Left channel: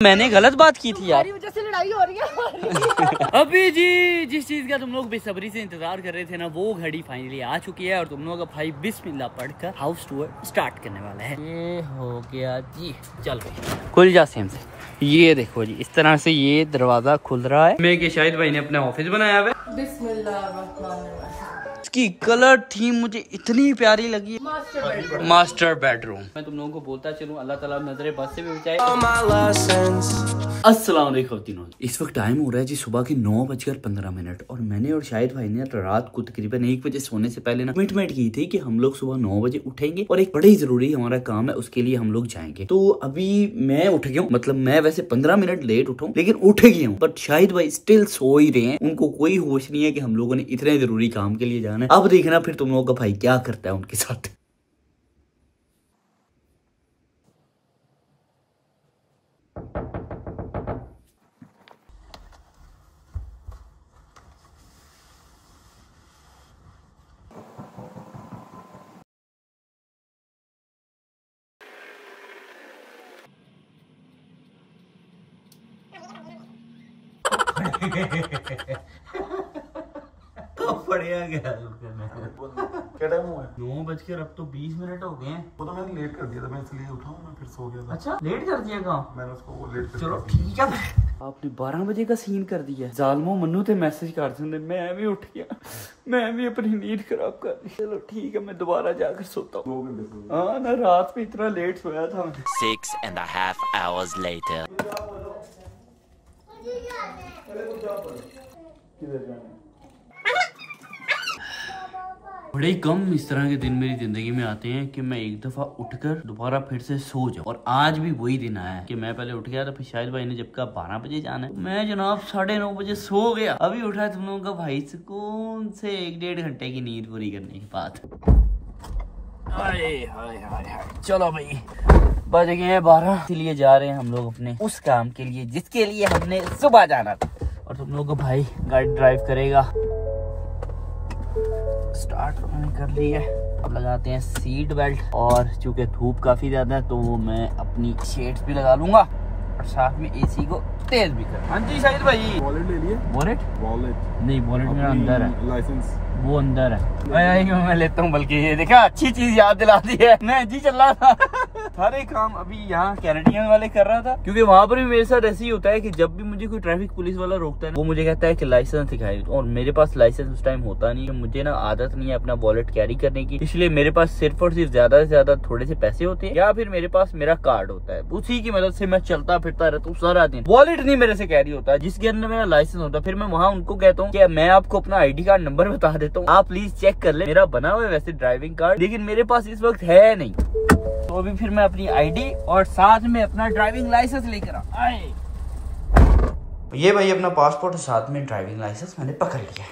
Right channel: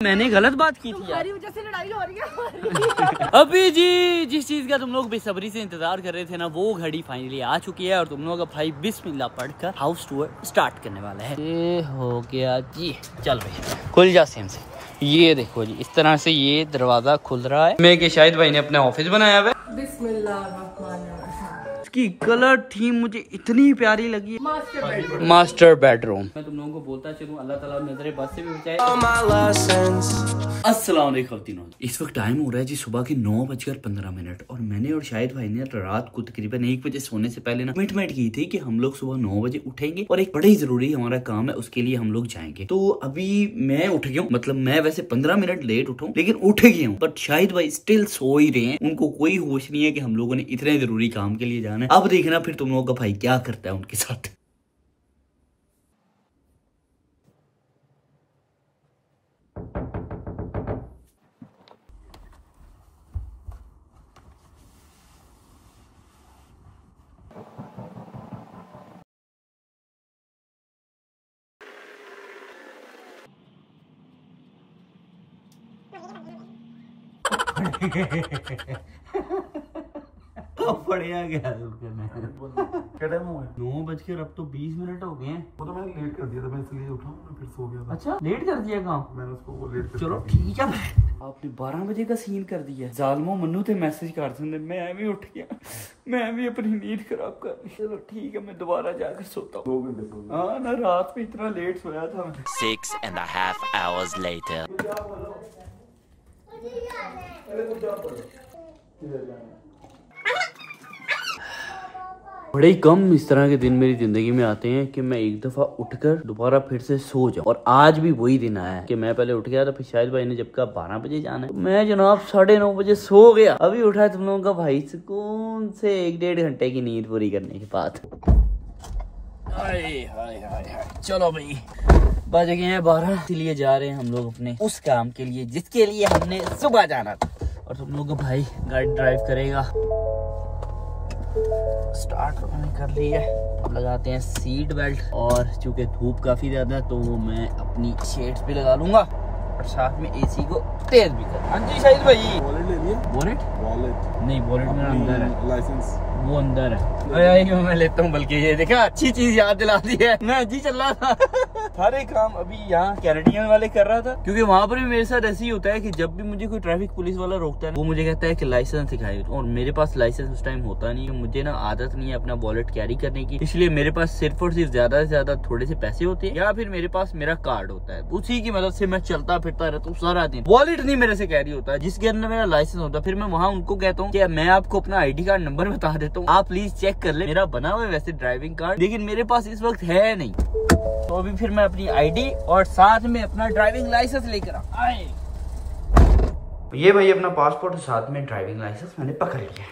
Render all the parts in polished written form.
मैंने गलत बात की थी यार, वजह से लड़ाई हो रही है। अभी जी जिस चीज का तुम लोग बेसब्री से इंतजार कर रहे थे ना, वो घड़ी फाइनली आ चुकी है और तुम लोग का भाई बिस्मिल्लाह पढ़कर हाउस टूर स्टार्ट करने वाला है। ये हो गया जी, चल भाई खुल जा सेम से। ये देखो जी इस तरह से ये दरवाजा खुल रहा है। मैं कि शायद भाई ने अपना ऑफिस बनाया हुआ है। बिस्मिल्लाह। इसकी कलर थीम मुझे इतनी प्यारी लगी है, मास्टर बेडरूम। मैं तुम लोगों को बोलता चलूं, अल्लाह ताला नजरे बस से भी बचाए। अस्सलाम वालेकुम। इस वक्त टाइम हो रहा है जी सुबह के 9:15 और मैंने और शाहिद भाई ने रात को तकरीबन 1 बजे सोने से पहले ना कमिटमेंट की थी कि हम लोग सुबह 9 बजे उठेंगे और एक बड़ा ही जरूरी हमारा काम है, उसके लिए हम लोग जाएंगे। तो अभी मैं उठ गया हूँ, मतलब मैं वैसे 15 मिनट लेट उठाऊं लेकिन उठ गया हूँ, बट शाहिद भाई स्टिल सो ही रहे हैं। उनको कोई होश नहीं है कि हम लोगों ने इतने जरूरी काम के लिए जाना है। अब देखना फिर तुम लोगों का भाई क्या करता है उनके साथ। बढ़िया गया क्या टाइम हुआ है? 9:00 अब तो 20 मिनट हो गए हैं। वो तो मैंने लेट कर दिया था, मैं इसलिए उठा हूँ, मैं फिर सो गया था। अच्छा लेट कर दिया काम? मैंने उसको वो लेट कर चलो ठीक है। आपने 12 बजे का सीन कर दिया। जालमो मन्नू थे मैसेज कर देंगे, मैं भी उठ गया, मैं भी अपनी नींद खराब कर दी। चलो ठीक है मैं दोबारा जाकर सोता हूँ। हाँ ना रात में इतना लेट सोया था। 6.5 hours later. बड़े ही कम इस तरह के दिन मेरी जिंदगी में आते हैं कि मैं एक दफा उठकर दोबारा फिर से सो जाऊं। और आज भी वही दिन आया है कि मैं पहले उठ गया था, फिर शाहिद भाई ने जब कहा 12 बजे जाना है, मैं जनाब 9:30 बजे सो गया। अभी उठा है तुम लोगों का भाई सुकून से 1-1.5 घंटे की नींद पूरी करने के बाद। चलो भाई बज गए हैं 12, इसलिए जा रहे हैं हम लोग अपने उस काम के लिए जिसके लिए हमने सुबह जाना था। और तुम लोगों का भाई गाड़ी ड्राइव करेगा। स्टार्ट मैंने कर ली है, अब लगाते हैं सीट बेल्ट। और चूंकि धूप काफी ज्यादा है तो मैं अपनी शेड्स भी लगा लूंगा और साथ में एसी को तेज भी कर। हाँ जी शाहिद भाई। वॉलेट ले लिए? वॉलेट नहीं, वॉलेट में अंदर है, लाइसेंस वो अंदर है। मैं लेता हूँ, बल्कि ये देखा अच्छी चीज याद दिला दी है। मैं जी चल रहा था सारे काम अभी यहाँ कैनेडियन वाले कर रहा था, क्योंकि वहाँ पर भी मेरे साथ ऐसे ही होता है कि जब भी मुझे कोई ट्रैफिक पुलिस वाला रोकता है वो मुझे कहता है कि लाइसेंस दिखाए, और मेरे पास लाइसेंस उस टाइम होता नहीं है। मुझे ना आदत नहीं है अपना वॉलेट कैरी करने की, इसलिए मेरे पास सिर्फ और सिर्फ ज्यादा से ज्यादा थोड़े से पैसे होते हैं या फिर मेरे पास मेरा कार्ड होता है, उसी की मदद से मैं चलता फिरता रहता हूँ सारा दिन। वॉलेट नहीं मेरे से कैरी होता है जिसके अंदर मेरा लाइसेंस होता है। फिर मैं वहाँ उनको कहता हूँ कि मैं आपको अपना ID कार्ड नंबर बता देता हूँ, आप प्लीज चेक कर ले। मेरा बना हुआ है वैसे ड्राइविंग कार्ड, लेकिन मेरे पास इस वक्त है नहीं। तो अभी फिर मैं अपनी ID और साथ में अपना ड्राइविंग लाइसेंस लेकर आए। ये भाई अपना पासपोर्ट और साथ में ड्राइविंग लाइसेंस मैंने पकड़ लिया।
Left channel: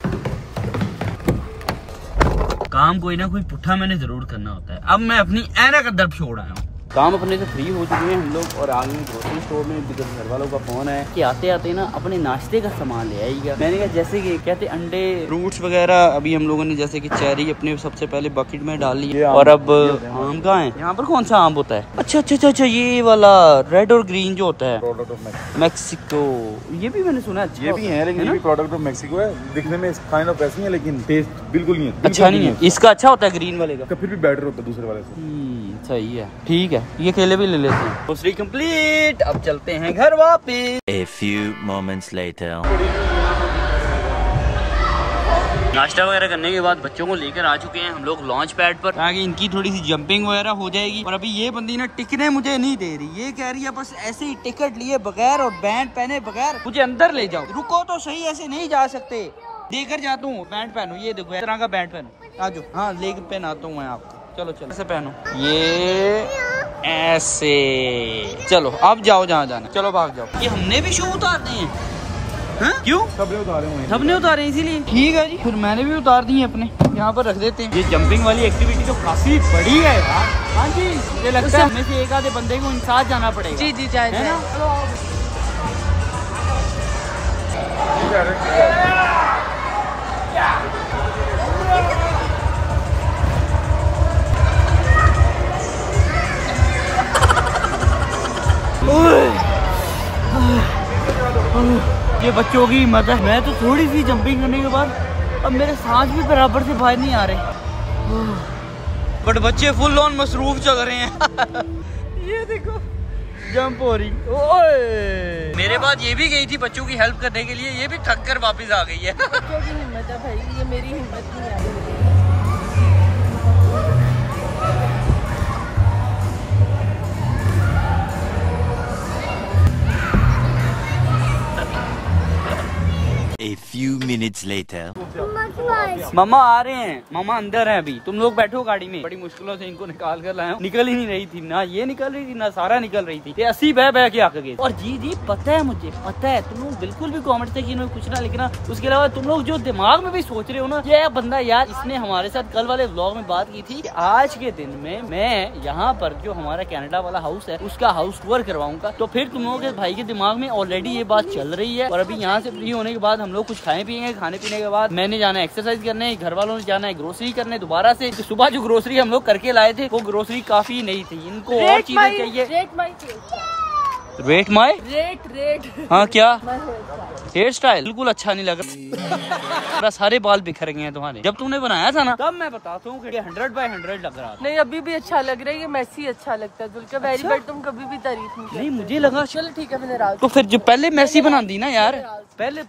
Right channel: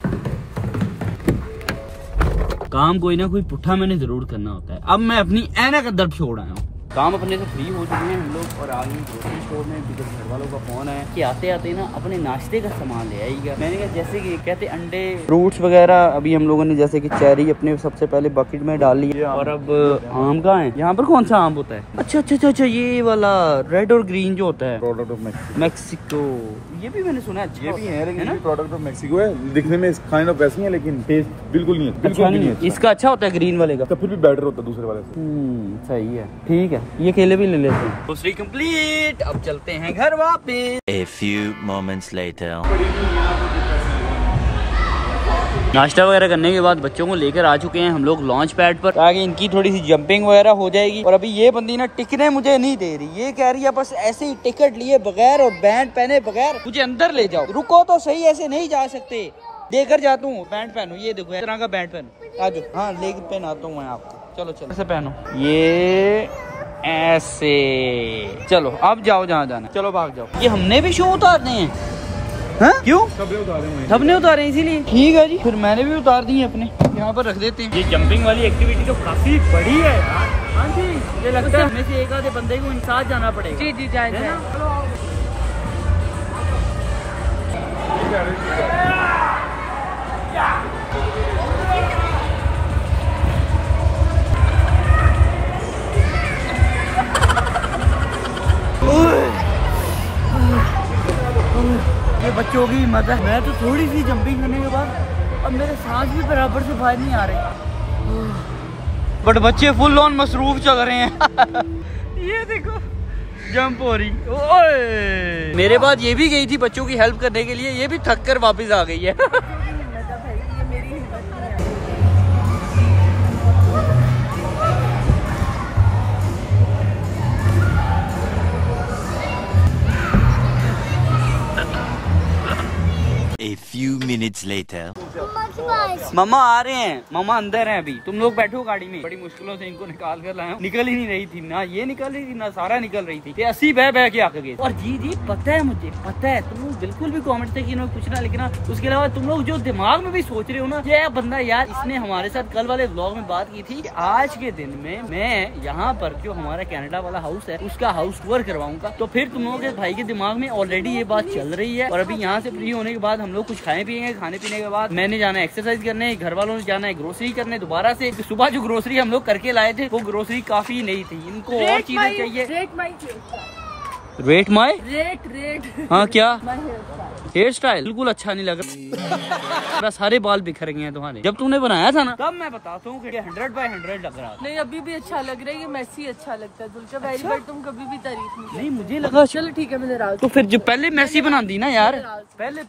काम कोई ना कोई पुट्ठा मैंने जरूर करना होता है। अब मैं अपनी ऐनक अंदर छोड़ आया हूँ। काम अपने से फ्री हो चुके हैं हम लोग और आगे ग्रोसरी स्टोर में बिकॉज घर वालों का फोन है कि आते आते ना अपने नाश्ते का सामान ले आइएगा। मैंने कहा जैसे कि कहते अंडे फ्रूट्स वगैरह, अभी हम लोगों ने जैसे कि चेरी अपने सबसे पहले बकेट में डाल ली और अब आम कहाँ है? यहाँ पर कौन सा आम होता है? अच्छा ये वाला रेड और ग्रीन जो होता है, मैक्सिको। ये भी मैंने सुना है, ये भी है लेकिन ये प्रोडक्ट ऑफ मैक्सिको है। दिखने में काइंड ऑफ वैसे ही है लेकिन टेस्ट बिल्कुल नहीं है। अच्छा नहीं है इसका, अच्छा होता है ग्रीन वाले का, फिर भी बेटर होता है दूसरे वाले से। सही है, ठीक है ये केले भी ले लेते हैं। दूसरी कंप्लीट, अब चलते हैं घर वापस। A few moments later. नाश्ता वगैरह करने के बाद बच्चों को लेकर आ चुके हैं हम लोग लॉन्च पैड पर, ताकि इनकी थोड़ी सी जंपिंग वगैरह हो जाएगी। और अभी ये बंदी ना टिकने मुझे नहीं दे रही, ये कह रही है बस ऐसे ही टिकट लिए बगैर और बैंड पहने बगैर मुझे अंदर ले जाओ। रुको तो सही, ऐसे नहीं जा सकते, देकर जाता हूँ। बैंड पहनो, ये देखो इस तरह का बैंड पहनो, आ जाओ। हाँ लेग पहनाता हूँ मैं आपको, चलो ऐसे पहनो, ये ऐसे। चलो अब जाओ जहाँ जाना, चलो भाग जाओ। ये हमने भी शू उतारने हैं? हाँ क्यों? सबने उतारे इसीलिए। ठीक है जी, फिर मैंने भी उतार दिए अपने, यहाँ पर रख देते हैं। ये जंपिंग वाली एक्टिविटी तो काफी बड़ी है। हाँ जी, ये लगता है हमें से एक आधे बंदे को साथ जाना पड़ेगा। जी जी जाए। ये बच्चों की मजा। मैं तो थोड़ी सी जंपिंग होने के बाद अब मेरे सांस भी बराबर से बाहर नहीं आ रहे, बट बच्चे फुल ऑन मसरूफ चल रहे हैं। ये देखो जंप हो रही। ओए मेरे बाद ये भी गई थी बच्चों की हेल्प करने के लिए, ये भी थक कर वापस आ गई है। ये मेरी हिम्मत नहीं है। A few minutes later. मामा आ रहे हैं, मामा अंदर हैं अभी। तुम लोग बैठो गाड़ी में। बड़ी मुश्किलों से इनको निकाल कर लाया हूं। निकल ही नहीं रही थी, ना ये निकल रही थी ना सारा निकल रही थी। ये 80 बह के आके गए। और जी पता है, मुझे पता है तुम लोग बिल्कुल भी कमेंट से कुछ ना लिखना। उसके अलावा तुम लोग जो दिमाग में भी सोच रहे हो ना, ये बंदा यार इसने हमारे साथ कल वाले व्लॉग में बात की थी कि आज के दिन में मैं यहाँ पर जो हमारा कनाडा वाला हाउस है उसका हाउस टूर करवाऊंगा। तो फिर तुम लोगों के भाई के दिमाग में ऑलरेडी ये बात चल रही है। और अभी यहाँ से फ्री होने के बाद हम लोग कुछ खाए पिएंगे। खाने पीने के बाद मैंने जाना है एक्सरसाइज करने, घर वालों ने जाना है ग्रोसरी करने दोबारा से। सुबह जो ग्रोसरी हम लोग करके लाए थे वो ग्रोसरी काफी नहीं थी, इनको और चीजें चाहिए। रेट माई हाँ क्या हेयर स्टाइल बिल्कुल अच्छा नहीं लग रहा। सारे बाल बिखर गए हैं तुम्हारे। जब तुमने बनाया था ना तब मैं बताता हूँ 100/100 लग रहा था। नहीं अभी भी अच्छा लग रहा है, ये मैसी अच्छा लगता है। जुल्का वेरी बट तुम कभी भी तारीफ नहीं मुझे लगा। चलो ठीक है मैंने राज तो फिर जो पहले मैसी बना दी ना यार, पहले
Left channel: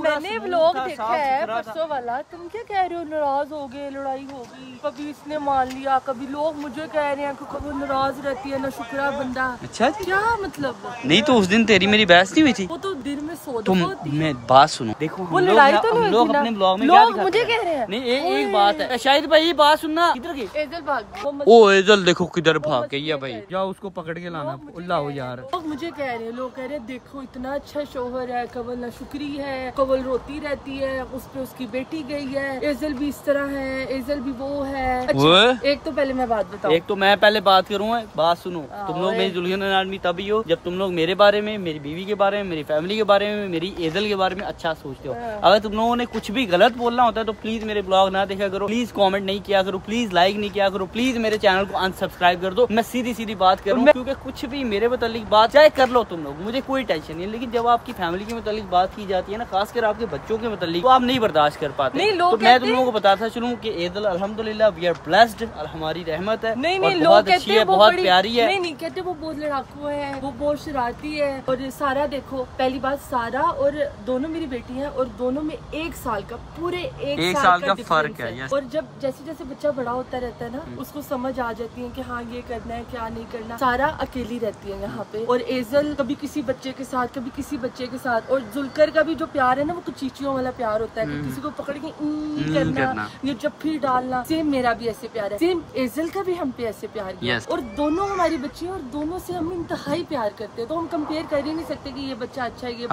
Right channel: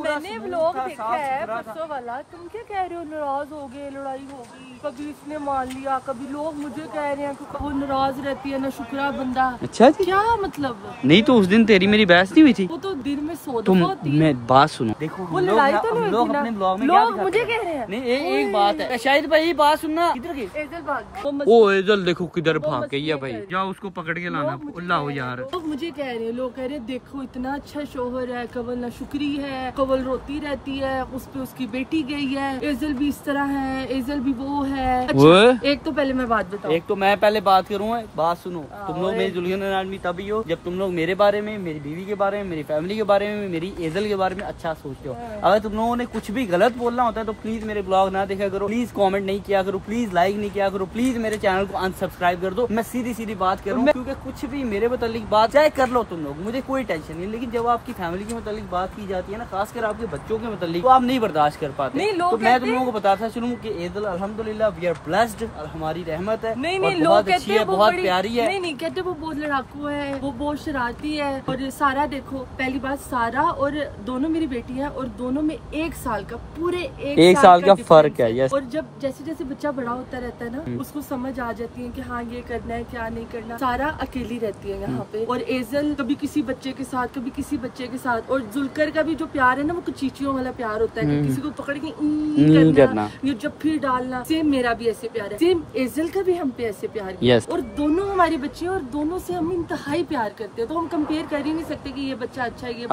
मैंने व्लॉग देखा है परसों वाला। तुम क्या कह रहे हो, नाराज हो गए, लड़ाई हो गई, कभी इसने मान लिया, कभी लोग मुझे कह रहे हैं कि वो नाराज रहती है ना शुक्रा बंदा। अच्छा क्या मतलब? नहीं तो उस दिन तेरी मेरी बहस नहीं हुई थी? वो तो दिन में 100 तुम मैं बात सुनो। देखो वो लड़ाई तो हम लोग अपने ब्लॉग में क्या दिखाते मुझे कह रहे हैं। नहीं एक बात है शायद भाई, बात सुनना। किधर गई एजल भाग? ओ एजल देखो किधर भाग गई है भाई। जाओ उसको पकड़ के लाना। लाओ यार। लोग मुझे कह रहे हैं, लोग कह रहे हैं देखो इतना अच्छा शोहर है, कवल ना शुक्री है, कवल रोती रहती है, उस पे उसकी बेटी गई है, एजल भी इस तरह है, एजल भी वो है। अच्छा, एक तो पहले मैं बात बताऊं। एक तो मैं पहले बात करूँ, बात सुनो। तुम लोग मेरी दुल्हन आदमी तभी हो जब तुम लोग मेरे बारे में, मेरी बीवी के बारे में, मेरी फैमिली के बारे में, मेरी एजल के बारे में अच्छा सोचते हो। अगर तुम लोगों ने कुछ भी गलत बोलना होता है तो प्लीज मेरे ब्लॉग ना देखा करो, प्लीज कमेंट नहीं किया करो, प्लीज लाइक नहीं किया करो, प्लीज मेरे चैनल को अनसब्सक्राइब कर दो। मैं सीधी बात करूँ क्योंकि कुछ भी मेरे मुतालिक बात चाहे कर लो तुम लोग, मुझे कोई टेंशन नहीं। लेकिन जब आपकी फैमिली के मुतालिक बात की जाती है ना, खासकर आपके बच्चों के मुतालिक, तो आप नहीं बर्दाश्त कर पाते। तो मैं तुम लोगों को बताता चलूं कि एजल अल्हम्दुलिल्लाह वी आर ब्लेस्ड, हमारी रहमत है। नहीं, बहुत अच्छी है, बहुत प्यारी है। नहीं कहते वो बहुत लड़ाकू है, वो बहुत शरारती है। और सारा देखो, पहली बात सारा और दोनों मेरी बेटी है और दोनों में 1 साल का पूरे एक साल का फर्क है। और जब जैसे जैसे बच्चा बड़ा होता रहता है ना, उसको समझ आ जाती है कि हाँ ये करना है क्या नहीं करना। सारा अकेली रहती है यहाँ पे और एजल कभी किसी बच्चे के साथ, कभी किसी बच्चे के साथ। और जुल्कर का भी जो प्यार है ना वो कुछ चीचियों वाला प्यार होता है कि किसी को पकड़ के करना, ये जब फिर डालना। सेम मेरा भी ऐसे प्यार है, सेम एजल का भी हम पे ऐसे प्यार है। और दोनों हमारी बच्ची है और दोनों से हम इंतहाई प्यार करते हैं। तो हम कंपेयर कर ही नहीं सकते कि ये बच्चा अच्छा है, ये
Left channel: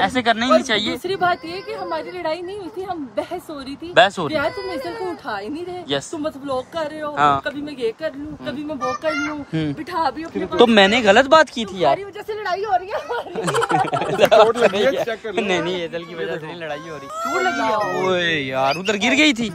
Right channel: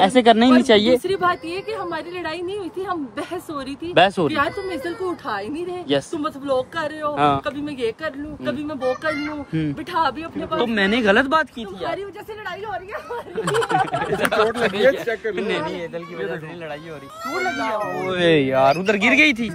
ऐसे करना ही नहीं चाहिए। दूसरी बात ये कि हमारी लड़ाई नहीं हुई थी, हम बहस हो रही थी। यार तुम एजल को उठा ही नहीं रहे, तुम बस व्लॉग कर रहे हो। कभी मैं ये कर लूँ, कभी मैं वो कर लूँ, बिठा भी अपने पास। तो मैंने गलत बात की थी यार, वजह से लड़ाई हो रही है। नहीं एजल की वजह से लड़ाई हो रही, चोट लगी है। ओए यार उधर गिर गई थी।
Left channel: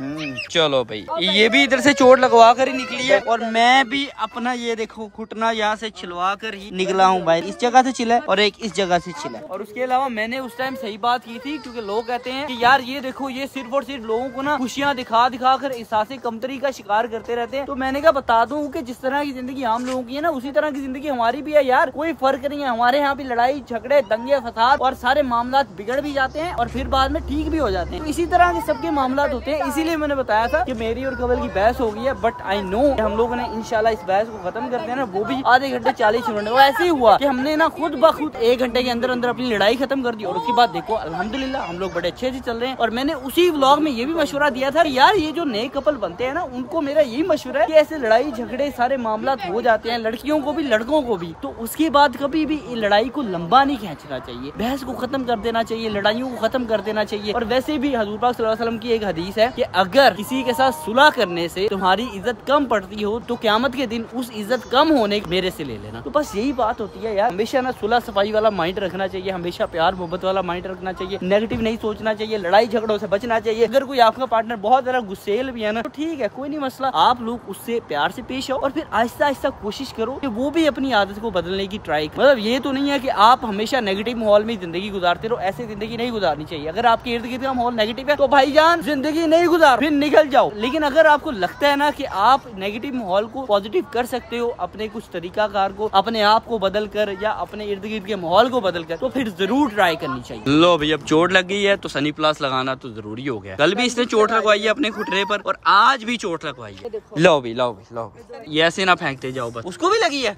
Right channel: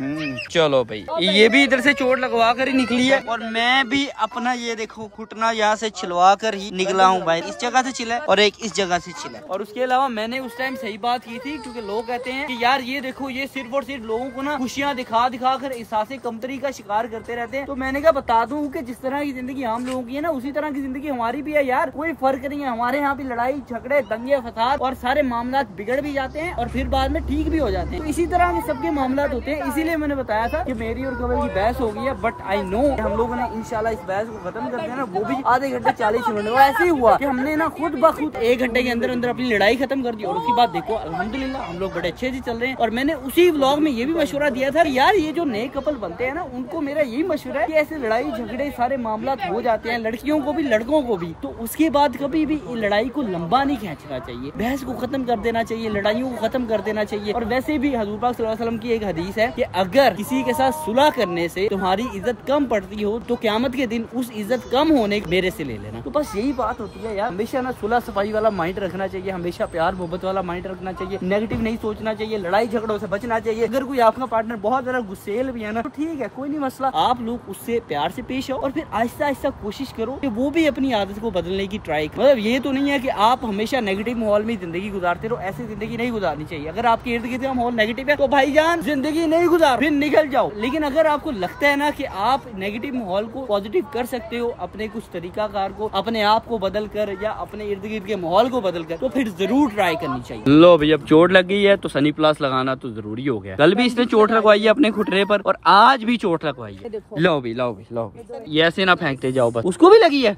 चलो भाई ये भी इधर से चोट लगवा कर ही निकली है और मैं भी अपना ये देखो घुटना यहाँ से छिलवा कर ही निकला हूँ भाई। इस जगह से छिला और एक इस जगह से छिला। और उसके अलावा मैंने उस टाइम सही बात की थी क्योंकि लोग कहते हैं कि यार ये देखो ये सिर्फ और सिर्फ लोगों को ना खुशियाँ दिखा कर एहसास कमतरी का शिकार करते रहते हैं। तो मैंने कहा बता दूं कि जिस तरह की जिंदगी आम लोगों की है ना, उसी तरह की जिंदगी हमारी भी है यार। कोई फर्क नहीं है, हमारे यहाँ भी लड़ाई झगड़े दंगे फसाद और सारे मामला बिगड़ भी जाते हैं और फिर बाद में ठीक भी हो जाते हैं। तो इसी तरह के सबके मामला होते हैं। इसीलिए मैंने बताया था कि मेरी और कवल की बहस हो गई है, बट आई नो हम लोगों ने इंशाल्लाह इस बहस को खत्म कर दिया ना, वो भी आधे घंटे 40 मिनट। वो ऐसे ही हुआ कि हमने ना खुद ब खुद 1 घंटे के अंदर अंदर अपनी लड़ाई खत्म कर दी। और उसके बाद देखो अल्हम्दुलिल्लाह हम लोग बड़े अच्छे से चल रहे हैं। और मैंने उसी व्लॉग में ये भी मशवरा दिया था यार, ये जो नए कपल बनते हैं ना, उनको मेरा यही मशवरा है कि ऐसे लड़ाई झगड़े सारे मामला हो जाते हैं, लड़कियों को भी लड़कों को भी। तो उसके बाद कभी भी लड़ाई को लंबा नहीं खींचना चाहिए, बहस को खत्म कर देना चाहिए, लड़ाइयों को खत्म कर देना चाहिए। और वैसे भी हजूर पाक सल्लल्लाहु अलैहि वसल्लम की एक हदीस है कि अगर किसी के साथ सुलह करने से तुम्हारी इज्जत कम पड़ती हो तो क़यामत के दिन उस इज्जत कम होने मेरे से ले लेना। तो बस यही बात होती है यार, हमेशा ना सुलह सफाई वाला माइंड रखना चाहिए, हमेशा प्यार मोहब्बत वाला माइंड रखना चाहिए, नेगेटिव नहीं सोचना चाहिए, लड़ाई झगड़ों से बचना चाहिए। अगर कोई कोई आपका पार्टनर बहुत ज्यादा गुस्सेल भी है ना, तो ठीक है, कोई नहीं मसला, आप लोग उससे प्यार से पेश आओ और फिर आहिस्ता आहिस्ता कोशिश करो कि वो भी अपनी आदत को बदलने की ट्राई करो। मतलब ये तो नहीं है कि आप हमेशा नेगेटिव माहौल में जिंदगी गुजारते रहो, ऐसी जिंदगी नहीं गुजारनी चाहिए। अगर आपके इर्द गिर्द का माहौल नेगेटिव है तो भाईजान जिंदगी नहीं गुजार, फिर निकल जाओ। लेकिन अगर आपको लगता है ना कि आप नेगेटिव माहौल को पॉजिटिव कर सकते हो अपने कुछ तरीकाकार को, अपने आप को बदल कर या अपने इर्द गिर्द के माहौल को बदल कर, तो फिर जरूर ट्राई करनी चाहिए। लो भाई, अब चोट लग गई है तो सनी प्लस लगाना तो जरूरी हो गया। कल भी इसने चोट लगवाई है अपने घुटने पर और आज भी चोट लगवाई है। लो भी, लो भी, लो भी, ये ऐसे ना फेंकते जाओ, बस उसको भी लगी है।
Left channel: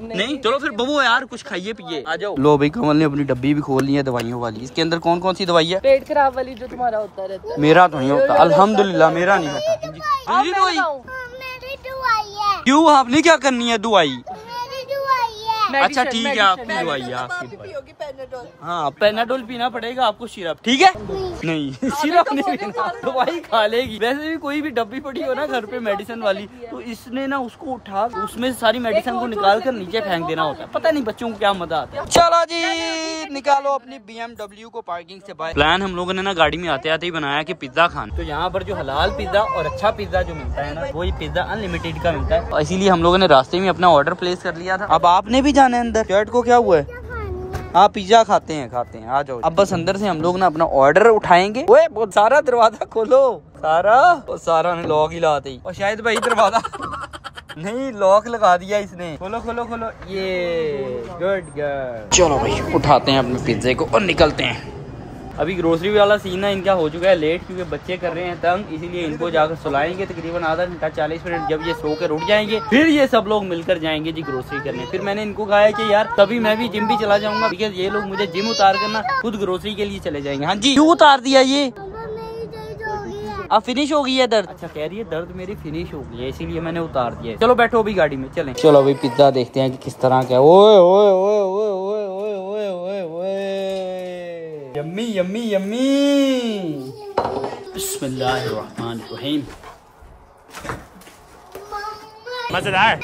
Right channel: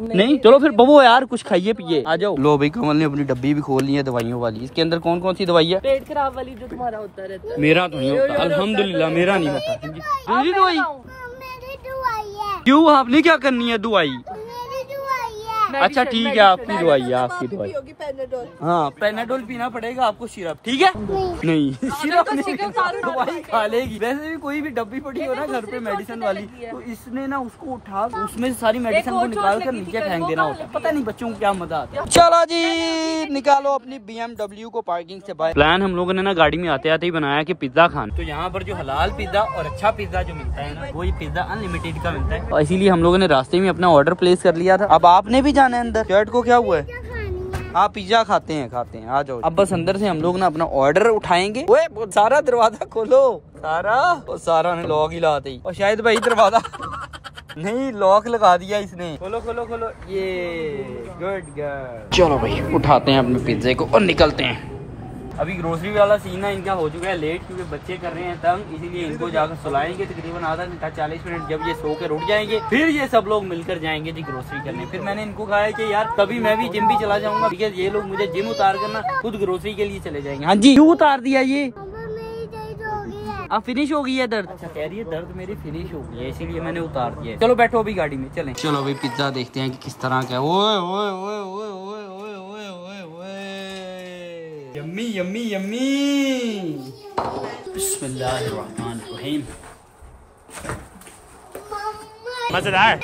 नहीं चलो फिर बबो यार, कुछ खाइए पिए, आ जाओ। लो भाई, कमल ने अपनी डब्बी भी खोल ली है दवाइयों वाली। इसके अंदर कौन कौन सी दवाई है? पेट खराब वाली जो तुम्हारा होता रहता है। मेरा तो नहीं होता, अल्हम्दुलिल्लाह मेरा नहीं होता। मेरी दवाई क्यों? आपने क्या करनी है दवाई? अच्छा ठीक है, आपकी दवाई है, आपकी दवाई। हाँ, पेनाडोल पीना पड़ेगा आपको, सिरप ठीक है? नहीं सिरप नहीं, दवाई खा लेगी। वैसे भी कोई भी डब्बी पड़ी हो ना घर पे मेडिसिन वाली, तो इसने ना उसको उठा उसमें सारी मेडिसिन को निकाल कर नीचे फेंक देना होता है। पता नहीं बच्चों को क्या मजा आता है। चलो जी, निकालो अपनी BMW को पार्किंग से बाहर। प्लान हम लोगों ने ना गाड़ी में आते आते ही बनाया कि पिज्जा खान। तो यहाँ पर जो हलाल पिज्जा और अच्छा पिज्जा जो मिलता है ना, वो ये पिज्जा अनलिमिटेड का मिलता है, और इसीलिए हम लोगों ने रास्ते में अपना ऑर्डर प्लेस कर लिया था। अब आपने भी जाना है अंदर। शर्ट को क्या हुआ है? आप पिज्जा खाते हैं, आ जाओ। अब बस अंदर से हम लोग ना अपना ऑर्डर उठाएंगे। ओए सारा दरवाजा खोलो, सारा ने लॉक ही लाते ही, और शायद भाई दरवाजा नहीं लॉक लगा दिया इसने। खोलो खोलो खोलो, ये गुड। चलो भाई, उठाते हैं अपने पिज्जे को और निकलते हैं। अभी ग्रोसरी वाला सीन है इनका हो चुका है लेट, क्योंकि बच्चे कर रहे हैं तंग, इसीलिए इनको जाकर सुलाएंगे तकरीबन आधा घंटा 40 मिनट। जब ये सो कर उठ जाएंगे फिर ये सब लोग मिलकर जाएंगे जी ग्रोसरी करने। फिर मैंने इनको कहा है कि यार तभी मैं भी जिम भी चला जाऊंगा, बिकॉज ये लोग मुझे जिम उतार करना खुद ग्रोसरी के लिए चले जाएंगे। हाँ जी, क्यों उतार दिया ये? अब फिनिश हो गई है दर्द? अच्छा कह रही है दर्द मेरी फिनिश हो गई है, इसीलिए मैंने उतार दिया। चलो बैठो अभी गाड़ी में चलें। चलो अभी पिज्जा देखते हैं कि किस तरह का है। ओए ओए ओए ओए ओए ओए ओए ओए ओए, यम्मी यम्मी यम्मी। बिस्मिल्लाहिर्रहमानिर्रहीम। मजेदार।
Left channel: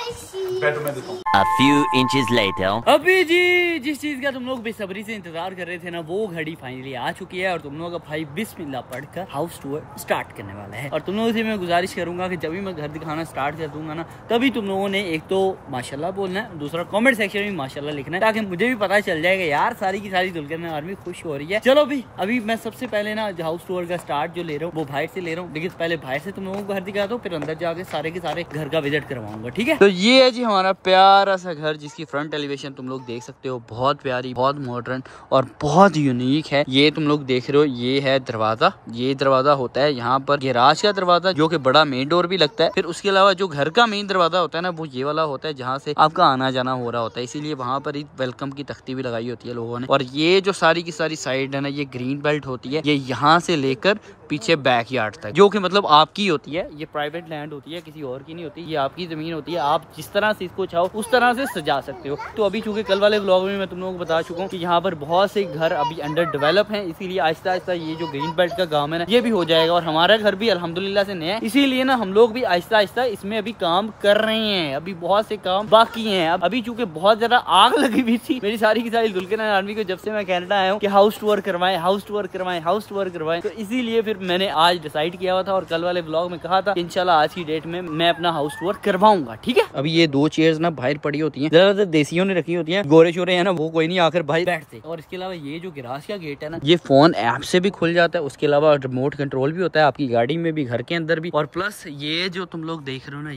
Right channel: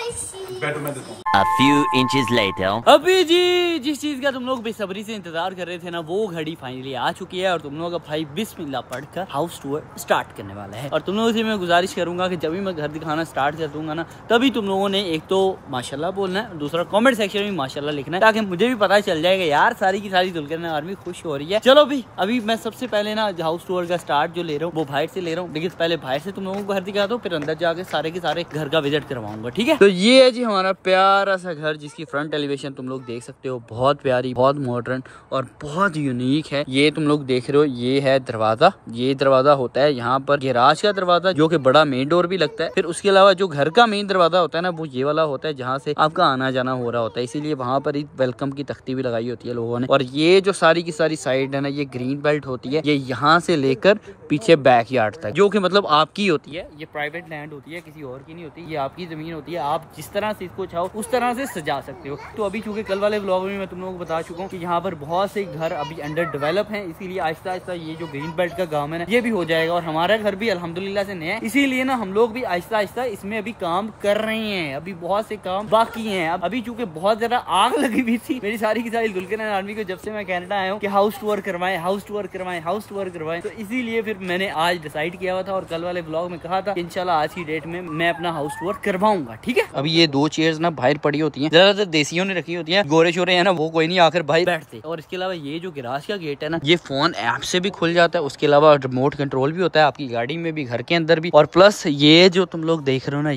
A few inches later. अभी जी जिस चीज का तुम लोग बेसब्री से इंतजार कर रहे थे ना, वो घड़ी फाइनली आ चुकी है और तुम लोगों का भाई बिस्मिल्लाह पढ़कर हाउस टूर स्टार्ट करने वाला है। और तुम लोगों से मैं गुजारिश करूंगा कि जब भी मैं घर दिखाना स्टार्ट कर दूंगा ना, तभी तुम लोगों ने एक तो माशाल्लाह बोलना है, दूसरा कमेंट सेक्शन में माशाल्लाह लिखना है, ताकि मुझे भी पता चल जाएगा यार सारी की सारी दुल्हन आर्मी खुश हो रही है। चलो भी अभी मैं सबसे पहले ना हाउस टूर का स्टार्ट जो ले रहा हूँ वो बाहर से ले रहा हूँ, लेकिन पहले बाहर से तुम लोगों को घर दिखा दो, फिर अंदर जाके सारे के सारे घर का विजिट करवाऊंगा, ठीक है? तो ये है जी हमारा प्यारा सा घर, जिसकी फ्रंट एलिवेशन तुम लोग देख सकते हो, बहुत प्यारी, बहुत मॉडर्न और बहुत यूनिक है। ये तुम लोग देख रहे हो, ये है दरवाजा। ये दरवाजा होता है यहाँ पर गैराज का दरवाजा, जो कि बड़ा मेन डोर भी लगता है। फिर उसके अलावा जो घर का मेन दरवाजा होता है ना, वो ये वाला होता है, जहाँ से आपका आना जाना हो रहा होता है, इसीलिए वहाँ पर वेलकम की तख्ती भी लगाई होती है लोगों ने। और ये जो सारी की सारी साइड है ना, ये ग्रीन बेल्ट होती है, ये यहाँ से लेकर पीछे बैक यार्ड तक, जो कि मतलब आपकी होती है। ये प्राइवेट लैंड होती है, किसी और की नहीं होती, ये आपकी जमीन होती है। आप जिस तरह से इसको चाहो उस तरह से सजा सकते हो। तो अभी चूंकि कल वाले व्लॉग में मैं तुम लोगों को बता चुका हूँ कि यहाँ पर बहुत से घर अभी अंडर डेवलप हैं, इसीलिए आहिस्ता आहिस्ता ये जो ग्रीन बेल्ट का गांव है ना, ये भी हो जाएगा। और हमारा घर भी अल्हम्दुलिल्लाह से नया है, इसीलिए ना हम लोग भी आहिस्ता आहिस्ता इसमें अभी काम कर रहे हैं। अभी बहुत से काम बाकी हैं। अभी चूंकि बहुत ज्यादा आग लगी हुई थी मेरी सारी की सारी दुल्हन आर्मी को, जब से मैं कनाडा आया हूँ कि हाउस टूर करवाएं, हाउस टूर करवाएं, हाउस टूर करवाएं, तो इसीलिए फिर मैंने आज डिसाइड किया हुआ था और कल वाले व्लॉग में कहा था कि इंशाल्लाह आज की डेट में मैं अपना हाउस टूर करवाऊंगा, ठीक है? अभी ये 2 चेयर्स ना बाहर पड़ी होती हैं, ज्यादातर देसियों ने रखी होती हैं, गोरे शोरे है ना वो कोई नहीं आकर भाई बैठते। और इसके अलावा ये जो गैराज का गेट है ना, ये फोन ऐप से भी खुल जाता है। उसके अलावा रिमोट कंट्रोल भी होता है आपकी गाड़ी में भी, घर के अंदर भी। और प्लस ये जो तुम लोग देख रहे हो ना,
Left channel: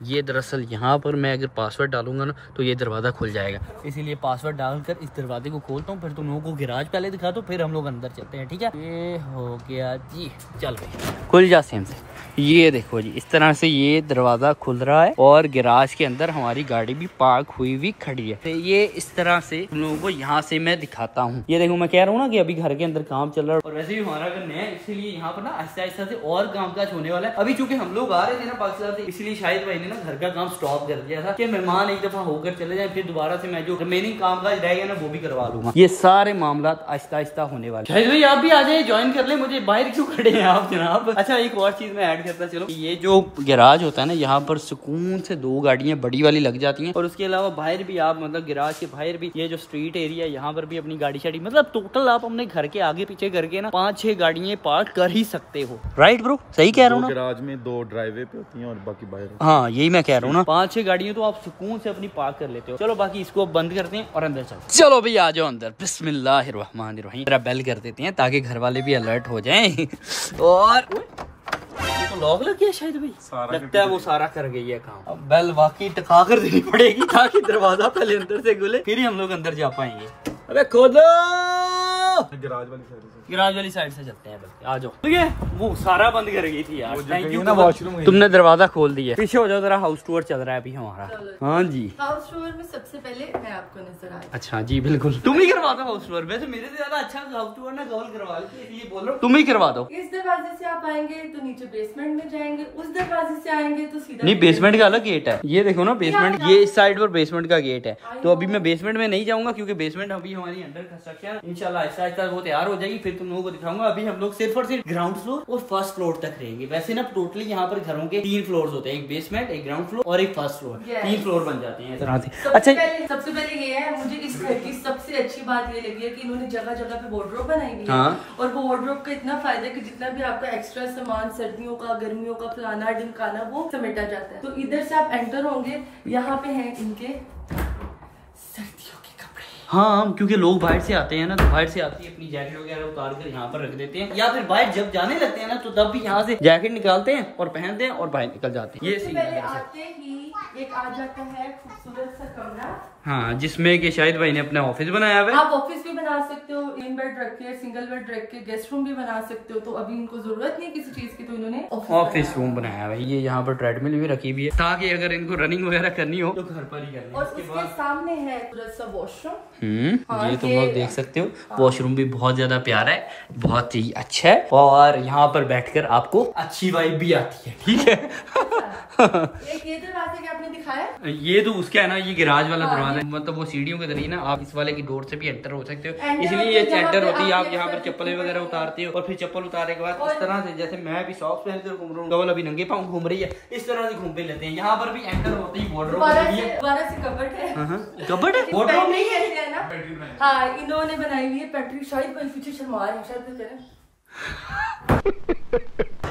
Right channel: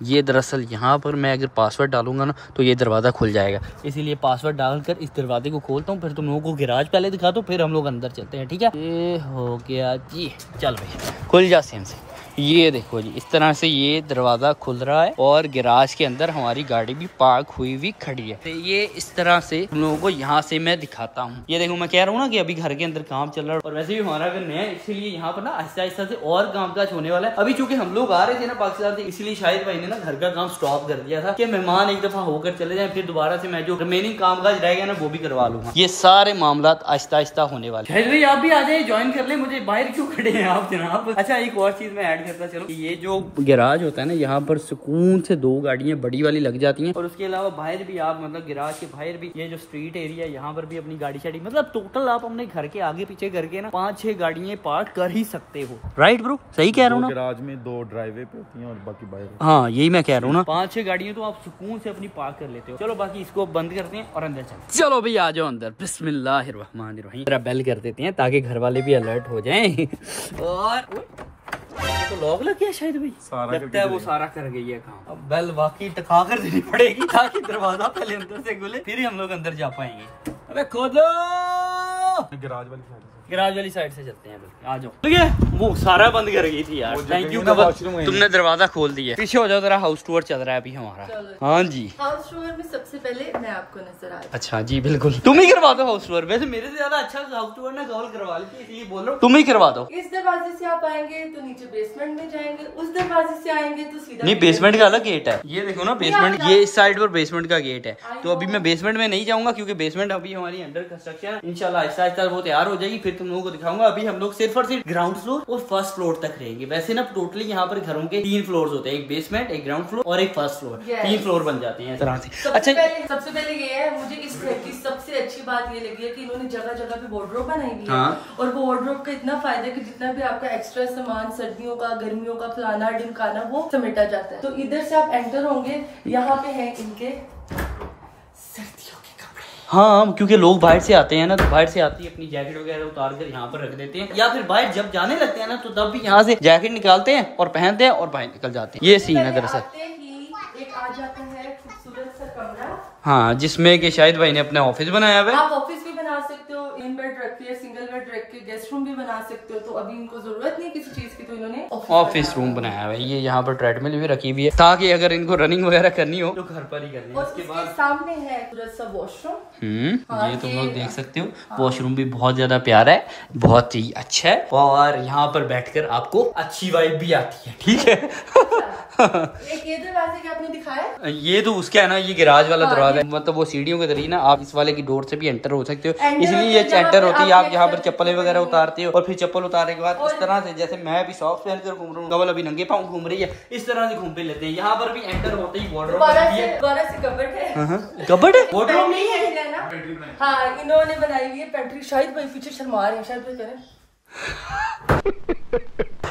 ये दरअसल यहाँ पर मैं अगर पासवर्ड डालूंगा ना, तो ये दरवाजा खुल जाएगा, इसीलिए पासवर्ड डालकर इस दरवाजे को खोलता हूँ। फिर तुम लोगों को गैराज पहले दिखा दो, फिर हम लोग अंदर चलते हैं, ठीक है? ये हो गया जी, चल भाई खुल जा सेम से। ये देखो जी, इस तरह से ये दरवाजा खुल रहा है और गैराज के अंदर हमारी गाड़ी भी पार्क हुई हुई खड़ी है। तो ये इस तरह से तुम लोगों को यहाँ से मैं दिखाता हूँ। ये देखो, मैं कह रहा हूँ ना कि अभी घर के अंदर काम चल रहा है, और वैसे भी हमारा घर नया है, इसीलिए यहाँ पर ना आहिस्ता आहिस्ता से और काम काज होने वाला है। अभी चूंकि हम लोग आ रहे थे ना पाकिस्तान से, इसलिए शाहिद भाई ने ना घर का काम स्टॉप कर दिया था कि मेहमान एक दफा होकर चले जाए, फिर दोबारा से मैं जो रिमेनिंग काम काज रह गया ना वो भी करवा लूंगा। ये सारे मामला आहिस्ता आहिस्ता होने वाले। शाहिद भाई आप भी आ जाए, ज्वाइन कर ले मुझे। बाहर क्यों खड़े हैं आप जनाब? अच्छा एक और चीज मैं ऐड डिसाइड करता चलो कि ये जो गैराज होता है ना, यहाँ पर सुकून से 2 गाड़ियाँ बड़ी वाली लग जाती हैं, और उसके अलावा बाहर भी आप मतलब गैराज के बाहर भी ये जो स्ट्रीट एरिया है यहाँ पर भी अपनी गाड़ी शाड़ी मतलब टोटल आप अपने घर के आगे पीछे करके ना 5-6 गाड़ियाँ पार्क कर ही सकते हो। राइट ब्रो, सही कह रहा हूँ ना? गैराज में 2 ड्राइवे पे होती हैं और बाकी बाहर। हाँ यही मैं कह रहा हूँ ना, 5-6 गाड़ियाँ तो आप सुकून से अपनी पार्क कर लेते हो। चलो बाकी इसको बंद करते हैं और अंदर चलते। चलो भाई आ जाओ अंदर, बिस्मिल्लाहिर्रहमानिर्रहीम। जरा बेल कर देते हैं ताकि घर वाले भी अलर्ट हो जाएं। और तो लॉक लग गया शायद भाई, लगता है वो सारा कर गई है काम। अब बेल वाकई टका कर देनी पड़ेगी ताकि दरवाजा पहले अंदर से खुले, फिर ही हम लोग अंदर जा पाएंगे। अबे खोलो, गैराज वाली साइड से चलते हैं। आ जाओ। ठीक है, वो सारा बंद कर गई थी यार, थैंक यू तुमने दरवाजा खोल दिया। पीछे हो जाओ जरा, हाउस टूर चल रहा है अभी हमारा। हाँ जी, हाउस टूर में सबसे पहले मैं आपको नजर आ रही। अच्छा जी बिल्कुल, तुम ही करवा दो हाउस टूर। वैसे मेरे से ज्यादा अच्छा हाउस टूर ने कॉल करवा ली थी, इसलिए बोल रहा हूँ तुम ही करवा दो। इस दरवाजे से आप आएंगे तो नीचे बेसमेंट में जाएंगे, उस दरवाजे से आएंगे तो सीधा नहीं, बेसमेंट का अलग गेट है। ये देखो ना बेसमेंट, ये इस साइड पर बेसमेंट का गेट है। तो अभी मैं बेसमेंट में नहीं जाऊंगा क्योंकि बेसमेंट अभी हमारी अंडर कंस्ट्रक्शन, इंशाल्लाह आहिस्ता आहिस्ता वो तैयार हो जाएगी, फिर तुम लोगों को दिखाऊंगा। अभी हम लोग सिर्फ और सिर्फ ग्राउंड फ्लोर और फर्स्ट फ्लोर तक रहेंगे। वैसे ना टोटली यहाँ पर घरों के 3 फ्लोर होते हैं, एक बेसमेंट, एक ग्राउंड फ्लोर और एक फर्स्ट फ्लोर। 3 फ्लोर बन जाते हैं इस तरह से। अच्छा सबसे पहले ये है, मुझे इस घर की सबसे अच्छी बात ये लगी है कि इन्होंने जगह जगह पे वार्डरोब बनाई हुई है। हाँ। और वो वार्डरोब का इतना फायदा है कि जितना भी आपका एक्स्ट्रा सामान सर्दियों का, गर्मियों का, फलाना ढिमकाना, वो समेटा जाता है। तो इधर से आप एंटर होंगे, यहाँ पे है इनके सर्दियों के कपड़े। हाँ, क्योंकि लोग बाहर से आते हैं ना, तो बाहर से आती है अपनी जैकेट वगैरह उतार कर यहाँ पर रख देते हैं, या फिर बाहर जब जाने लगते हैं ना तो तब भी यहाँ से जैकेट निकालते हैं और पहनते हैं और बाहर निकल जाते हैं। ये सीन है दरअसल। एक आ जाता है खूबसूरत सा कमरा, हाँ, जिसमें कि शाहिद भाई ने अपना ऑफिस बनाया हुआ है। आप ऑफिस भी बना सकते हो, इन बेड रख के, सिंगल बेड रख के गेस्ट रूम भी बना सकते हो। तो अभी इनको जरूरत नहीं किसी चीज की, तो इन्होंने ऑफिस रूम बनाया हुआ है। ये यहाँ पर ट्रेडमिल भी रखी हुई है ताकि अगर इनको रनिंग वगैरह करनी हो तो घर पर ही करनी। और उसके सामने है पूरा सा वॉशरूम। ये तुम लोग देख सकते हो, वॉशरूम भी बहुत ज्यादा प्यारा है, बहुत ही अच्छा है, और यहाँ पर बैठकर आपको अच्छी वाइब भी आती है। ठीक है। एक ये दरवाजे के आपने दिखाया, ये तो उसका है ना, ये गैराज वाला दरवाजा है, मतलब वो सीढ़ियों के जरिए ना आप इस वाले की डोर से भी एंटर हो सकते हो, इसलिए ये एंटर होती है। आप यहाँ पर चप्पलें वगैरह उतारते हो और फिर चप्पल उतारने के बाद इस तरह से, जैसे मैं अभी सॉक्स पहन कर घूम रहा हूँ, कवल अभी नंगे पाँव घूम रही है, इस तरह से घूमते लेते हैं। यहाँ पर भी एंटर होते ही वार्डरोब है, कबर्ड है, वार्डरोब नहीं है ना। हाँ, इन्होंने बनाई हुई है पेंट्री। शायद भाई पीछे शर्मा रहे हैं, शायद भाई करें।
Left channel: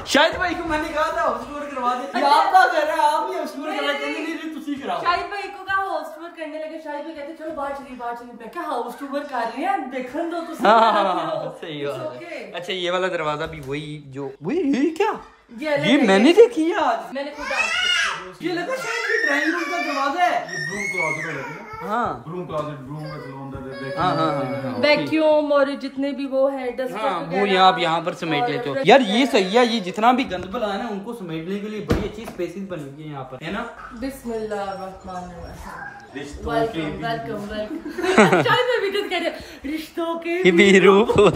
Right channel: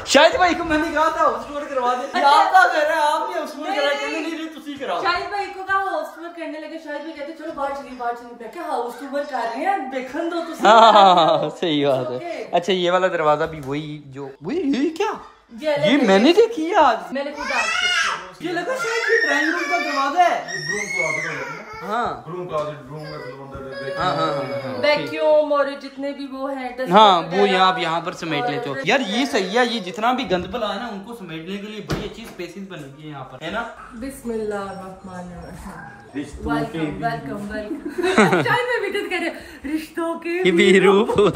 शाहिद भाई को मैंने कहा था हाउस टूर करवा दे, आपका घर है, आपने हाउस टूर करा, नहीं तुसी कराओ। शाहिद भाई को कहा हाउस टूर करने लगे, शाहिद भाई कहते चलो बाहर चलिए, बाहर चलिए। मैं क्या हाउस टूर कर रहे हैं, देखने दो तो। हाँ, सही बात है। अच्छा, ये वाला दरवाजा भी वही जो ये क्या, ये मैंने देखी है आज, मैंने खुद ये लगा शायद ये ड्राइंग रूम का दरवाजा है। हाँ, वैक्यूम और जितने भी वो है, हाँ, वो यहाँ आप यहाँ पर समेट लेते हो। यार ये सही है, ये जितना भी गंद बला है ना उनको समेटने के लिए बड़ी अच्छी स्पेसेस बनी है यहाँ पर, है ना। वेलकम रिश्तों के भी रूप।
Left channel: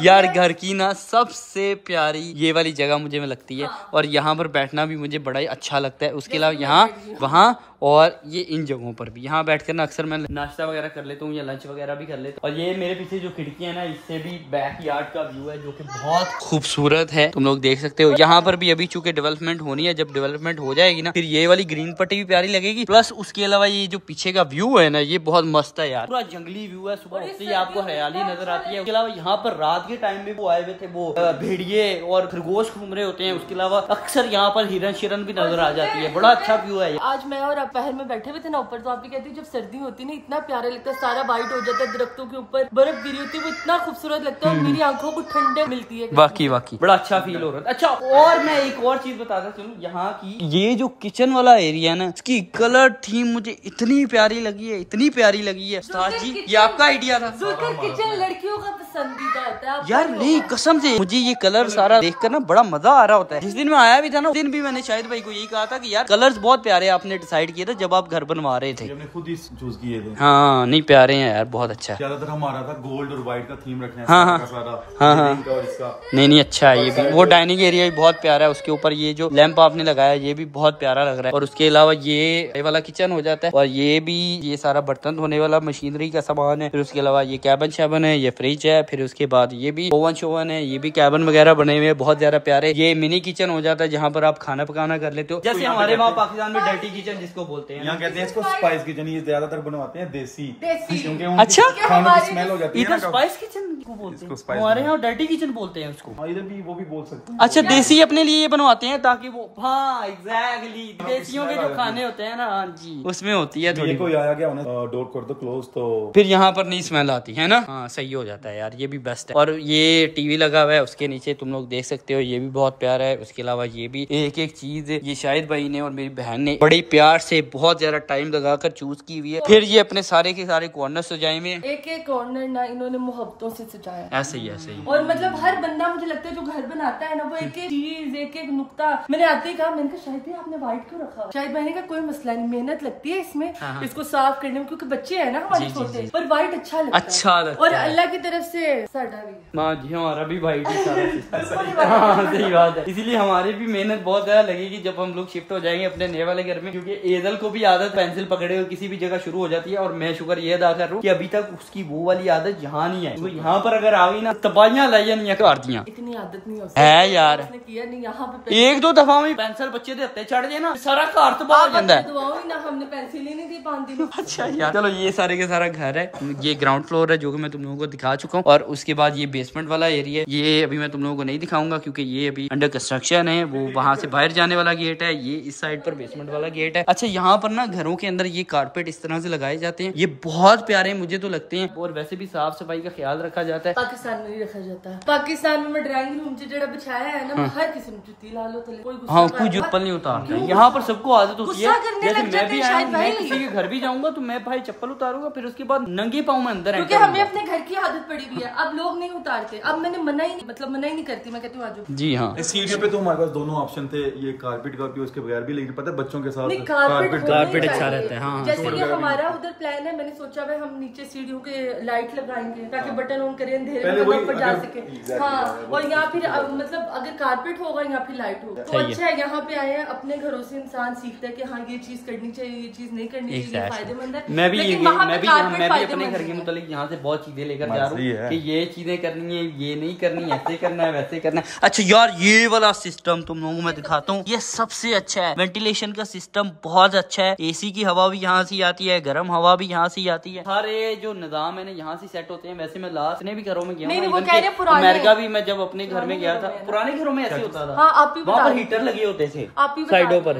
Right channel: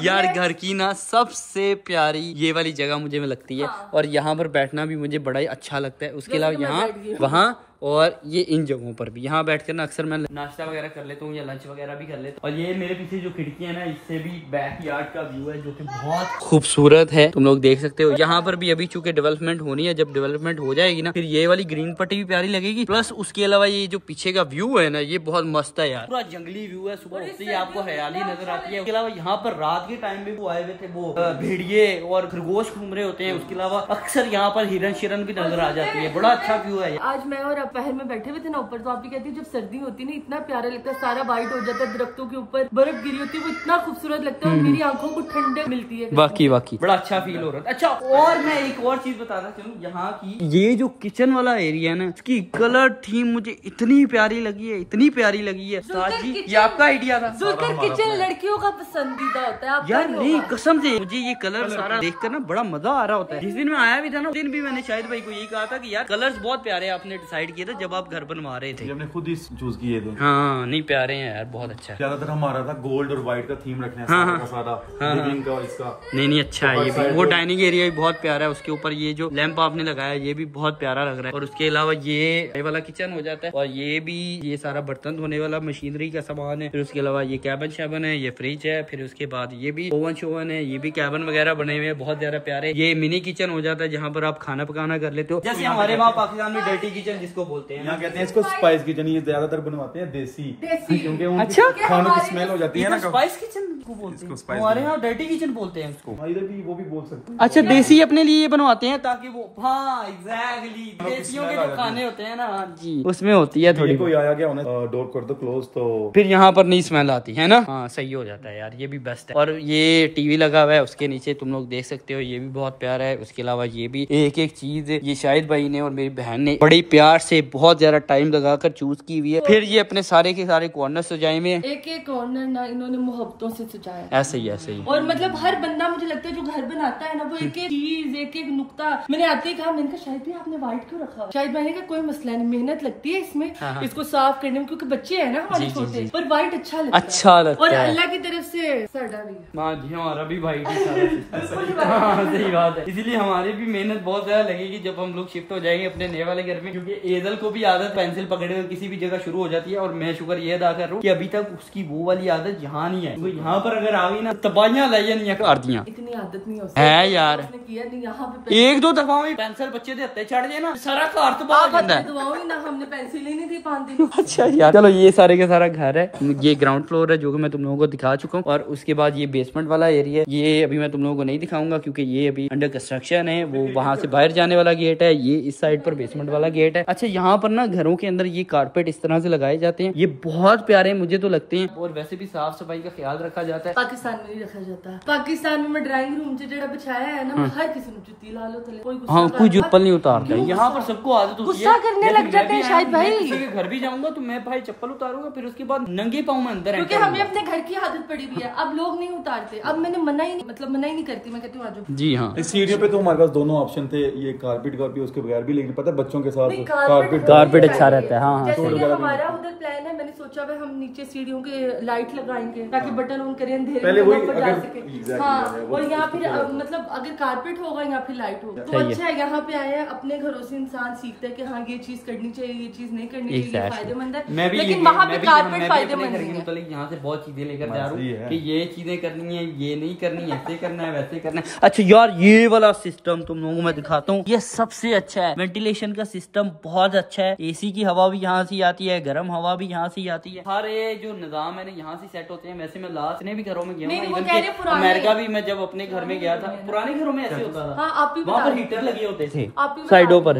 यार घर की ना सबसे प्यारी ये वाली जगह मुझे में लगती है, और यहाँ पर बैठना भी मुझे बड़ा ही अच्छा लगता है। उसके अलावा यहाँ, वहाँ और ये इन जगहों पर भी यहाँ बैठकर ना अक्सर मैं नाश्ता वगैरह कर लेता हूँ या लंच वगैरह भी कर लेता हूँ। और ये मेरे पीछे जो खिड़की है ना, इससे भी बैक यार्ड का व्यू है जो कि बहुत खूबसूरत है, तुम लोग देख सकते हो। यहाँ पर भी अभी चूंकि डेवलपमेंट होनी है, जब डेवलपमेंट हो जाएगी ना फिर ये वाली ग्रीन पट्टी भी प्यारी लगेगी। प्लस उसके अलावा ये जो पीछे का व्यू है ना, ये बहुत मस्त है यार, पूरा जंगली व्यू है। सुबह उठते ही आपको हरियाली नजर आती है। उसके अलावा यहाँ पर रात के टाइम में वो आए हुए थे, वो भेड़िए और खरगोश घूम रहे होते हैं। उसके अलावा अक्सर यहाँ पर हिरन शिरन भी नजर आ जाती है, बड़ा अच्छा व्यू है। आज मैं और पहर में बैठे हुए थे ना ऊपर, तो आप भी कहती है जब सर्दी होती है ना इतना प्यारा लगता है, सारा वाइट हो जाता है, दरख्तों के ऊपर बर्फ गिरी होती है, वो इतना खूबसूरत लगता है, मेरी आंखों को ठंडक मिलती है। वाकई बड़ा अच्छा फील हो रहा है। अच्छा, और मैं एक और चीज बताता चलूं, यहाँ की ये जो किचन वाला एरिया है ना, इसकी कलर थीम मुझे इतनी प्यारी लगी है, इतनी प्यारी लगी है। उस्ताद जी, ये आपका आइडिया था? किचन लड़कियों का पसंदीदा होता है यार, नहीं कसम से मुझे ये कलर सारा देखकर ना बड़ा मजा आ रहा होता है। जिस दिन मैं आया भी था ना, उस दिन भी मैंने शाहिद भाई को यही कहा था कि यार कलर्स बहुत प्यारे आपने डिसाइड किए थे जब आप घर बनवा रहे थे। हमने खुद ही चूज किए थे। हाँ, नहीं प्यारे हैं यार, बहुत अच्छा। ज्यादातर हमारा था गोल्ड और व्हाइट का थीम रखना है। हाँ, सारा और इसका नहीं अच्छा है। ये भी वो डाइनिंग एरिया भी बहुत प्यारा है, उसके ऊपर ये जो लैंप आपने लगाया ये भी बहुत प्यारा लग रहा है। और उसके अलावा ये वाला किचन हो जाता है, और ये भी ये सारा बर्तन धोने वाला मशीनरी का सामान है। फिर उसके अलावा ये कैबिन शैबन है, ये फ्रिज फ्रिज है, फिर उसके बाद ये भी ओवन शोवन है, ये भी कैबिन वगैरह बने हुए हैं बहुत ज्यादा प्यारे। ये मिनी किचन हो जाता है जहाँ पर आप खाना पकाना कर लेते हो, जैसे हमारे वहाँ पाकिस्तान में डर्टी किचन जिसको बोलते हैं, यहाँ कहते हैं इसको स्पाइस किचन। ये ज्यादातर बनवाते हैं देसी, क्योंकि अच्छा खानों की स्मेल हो जाती है ना। स्पाइस किचन बोलते हैं, हमारे यहाँ डर्टी किचन बोलते हैं उसको। इधर भी वो भी बोल सकते हैं। अच्छा, देसी अपने लिए बनवाते हैं ताकि वो, हाँ एग्जैक्टली, देसियों के जो खाने होते हैं ना जी, उसमें होती है थोड़ी। कोई आया गया उन्हें डोर कर दो क्लोज, तो फिर यहाँ पर नहीं स्मेल आती है ना। हाँ सही हो जाता है यार, ये भी बेस्ट है। और ये टीवी लगा हुआ है, उसके नीचे तुम लोग देख सकते हो, ये भी बहुत प्यारा है। उसके अलावा ये भी एक एक चीज ये शाहिद भाई ने और मेरी बहन ने बड़ी प्यार से बहुत ज्यादा टाइम लगाकर चूज की हुई है। फिर ये अपने सारे के सारे कॉर्नर सजाए हुए हैं, एक एक कॉर्नर ना इन्होंने मोहब्बतों से सजाया। ऐसे ही ऐसे ही। और मतलब हर बंदा मुझे लगता है जो घर बनाता है ना, वो एक एक चीज, एक एक नुक्ता। मैंने आते ही कहा, मैंने कहा शाहिद भाई आपने व्हाइट क्यों रखा? शाहिद भाई ने कहा कोई मसला नहीं, मेहनत लगती है इसमें, इसको साफ करने में, क्योंकि बच्चे है ना हमारे छोटे, पर व्हाइट अच्छा लगता है। और अल्लाह की तरफ से साड़ा भी जी हमारा भी व्हाइट सही बात है। इसीलिए हमारी भी मेहनत बहुत ज्यादा लगेगी जब हम लोग शिफ्ट हो जाएंगे अपने नए वाले घर में, क्योंकि एदल को भी आदत पेंसिल पकड़े हुए किसी भी जगह शुरू हो जाती है। और मैं शुक्र ये अदा कर रहा हूँ कि अभी तक उसकी वो वाली आदत यहाँ नहीं है। तो यहाँ पर अगर आ गई ना, तबाहियां लाइया कर दिया। इतनी आदत नहीं हो है यार, किया नहीं यहाँ पे। एक दो दफा में पेंसिल बच्चे दे हत्ते चढ़ गए ना, सारा घर तबाह हो जाता है। दुआओं ही ना, हमने पेंसिल ही नहीं दी 5 दिन। अच्छा यार, चलो ये सारे के सारा घर है। ये ग्राउंड फ्लोर है जो कि मैं तुम लोगों को दिखा चुका हूँ। और उसके बाद ये बेसमेंट वाला एरिया है, ये अभी मैं तुम लोगों को नहीं दिखाऊंगा क्योंकि ये अभी अंडर कंस्ट्रक्शन है। वो वहाँ से बाहर जाने वाला गेट है, ये इस साइड पर बेसमेंट वाला गेट है। अच्छा, यहाँ पर ना घरों के अंदर ये कारपेट इस तरह से लगाए जाते हैं, ये बहुत प्यारे मुझे तो लगते हैं। और वैसे भी साफ सफाई का ख्याल रखा जाता है। पाकिस्तान में नहीं रखा जाता। पाकिस्तान में मैं ड्राइंग रूम से जो बिछाया है ना, हर किसी ने जुत्ती ला लो, हाँ कोई चप्पल नहीं उतारता। यहाँ पर सबको आदत होती है, करने लग जाता है शायद भाई। किसी के घर भी जाऊंगा तो मैं भाई चप्पल उतारूंगा, फिर उसके बाद नंगे पाँव में अंदर, क्योंकि हमें अपने घर की आदत पड़ी हुई है। अब लोग नहीं उतारते, अब मैंने मना ही नहीं करती, मैं कहती हूँ आज। जी हाँ, इस सीढ़ी पे तो हमारे पास दोनों ऑप्शन थे, ये कारपेट का भी उसके बगैर भी, लेकिन पता है बच्चों के साथ कारपेट अच्छा रहता है। हाँ जैसे कि हमारा उधर प्लान है, मैंने सोचा भाई हम नीचे सीढ़ियों के लाइट लगाएंगे ताकि बटन ऑन करें, अंधेरे में ऊपर जा सके। हाँ, और यहाँ फिर मतलब अगर कारपेट होगा यहाँ फिर लाइट होगा तो अच्छा है। यहाँ पे आए हैं अपने घरों से इंसान सीखता है कि हाँ ये चीज करनी चाहिए, ये चीज नहीं करनी चाहिए, फायदेमंद है। मैं भी अपने घर के मुतालिक यहाँ से बहुत चीजें लेकर जा रहा हूँ कि ये चीजें करनी है, ये नहीं करनी, ऐसे करना है, वैसे करना है। अच्छा यार, ये वाला सिस्टम तुम लोगों को मैं दिखाता हूँ, ये सबसे अच्छा है। वेंटिलेशन का सिस्टम बहुत अच्छा है, एसी की हवा भी यहाँ से आती है, गर्म हवा भी यहाँ से आती है। सारे जो निजाम है ना यहाँ से सेट होते हैं। वैसे मैं लास्ट ने भी घरों में गया हूँ, अमेरिका भी मैं जब अपने घर में गया था, पुराने घरों में ऐसे होता था, वहाँ पर हीटर लगे होते थे साइडों पर।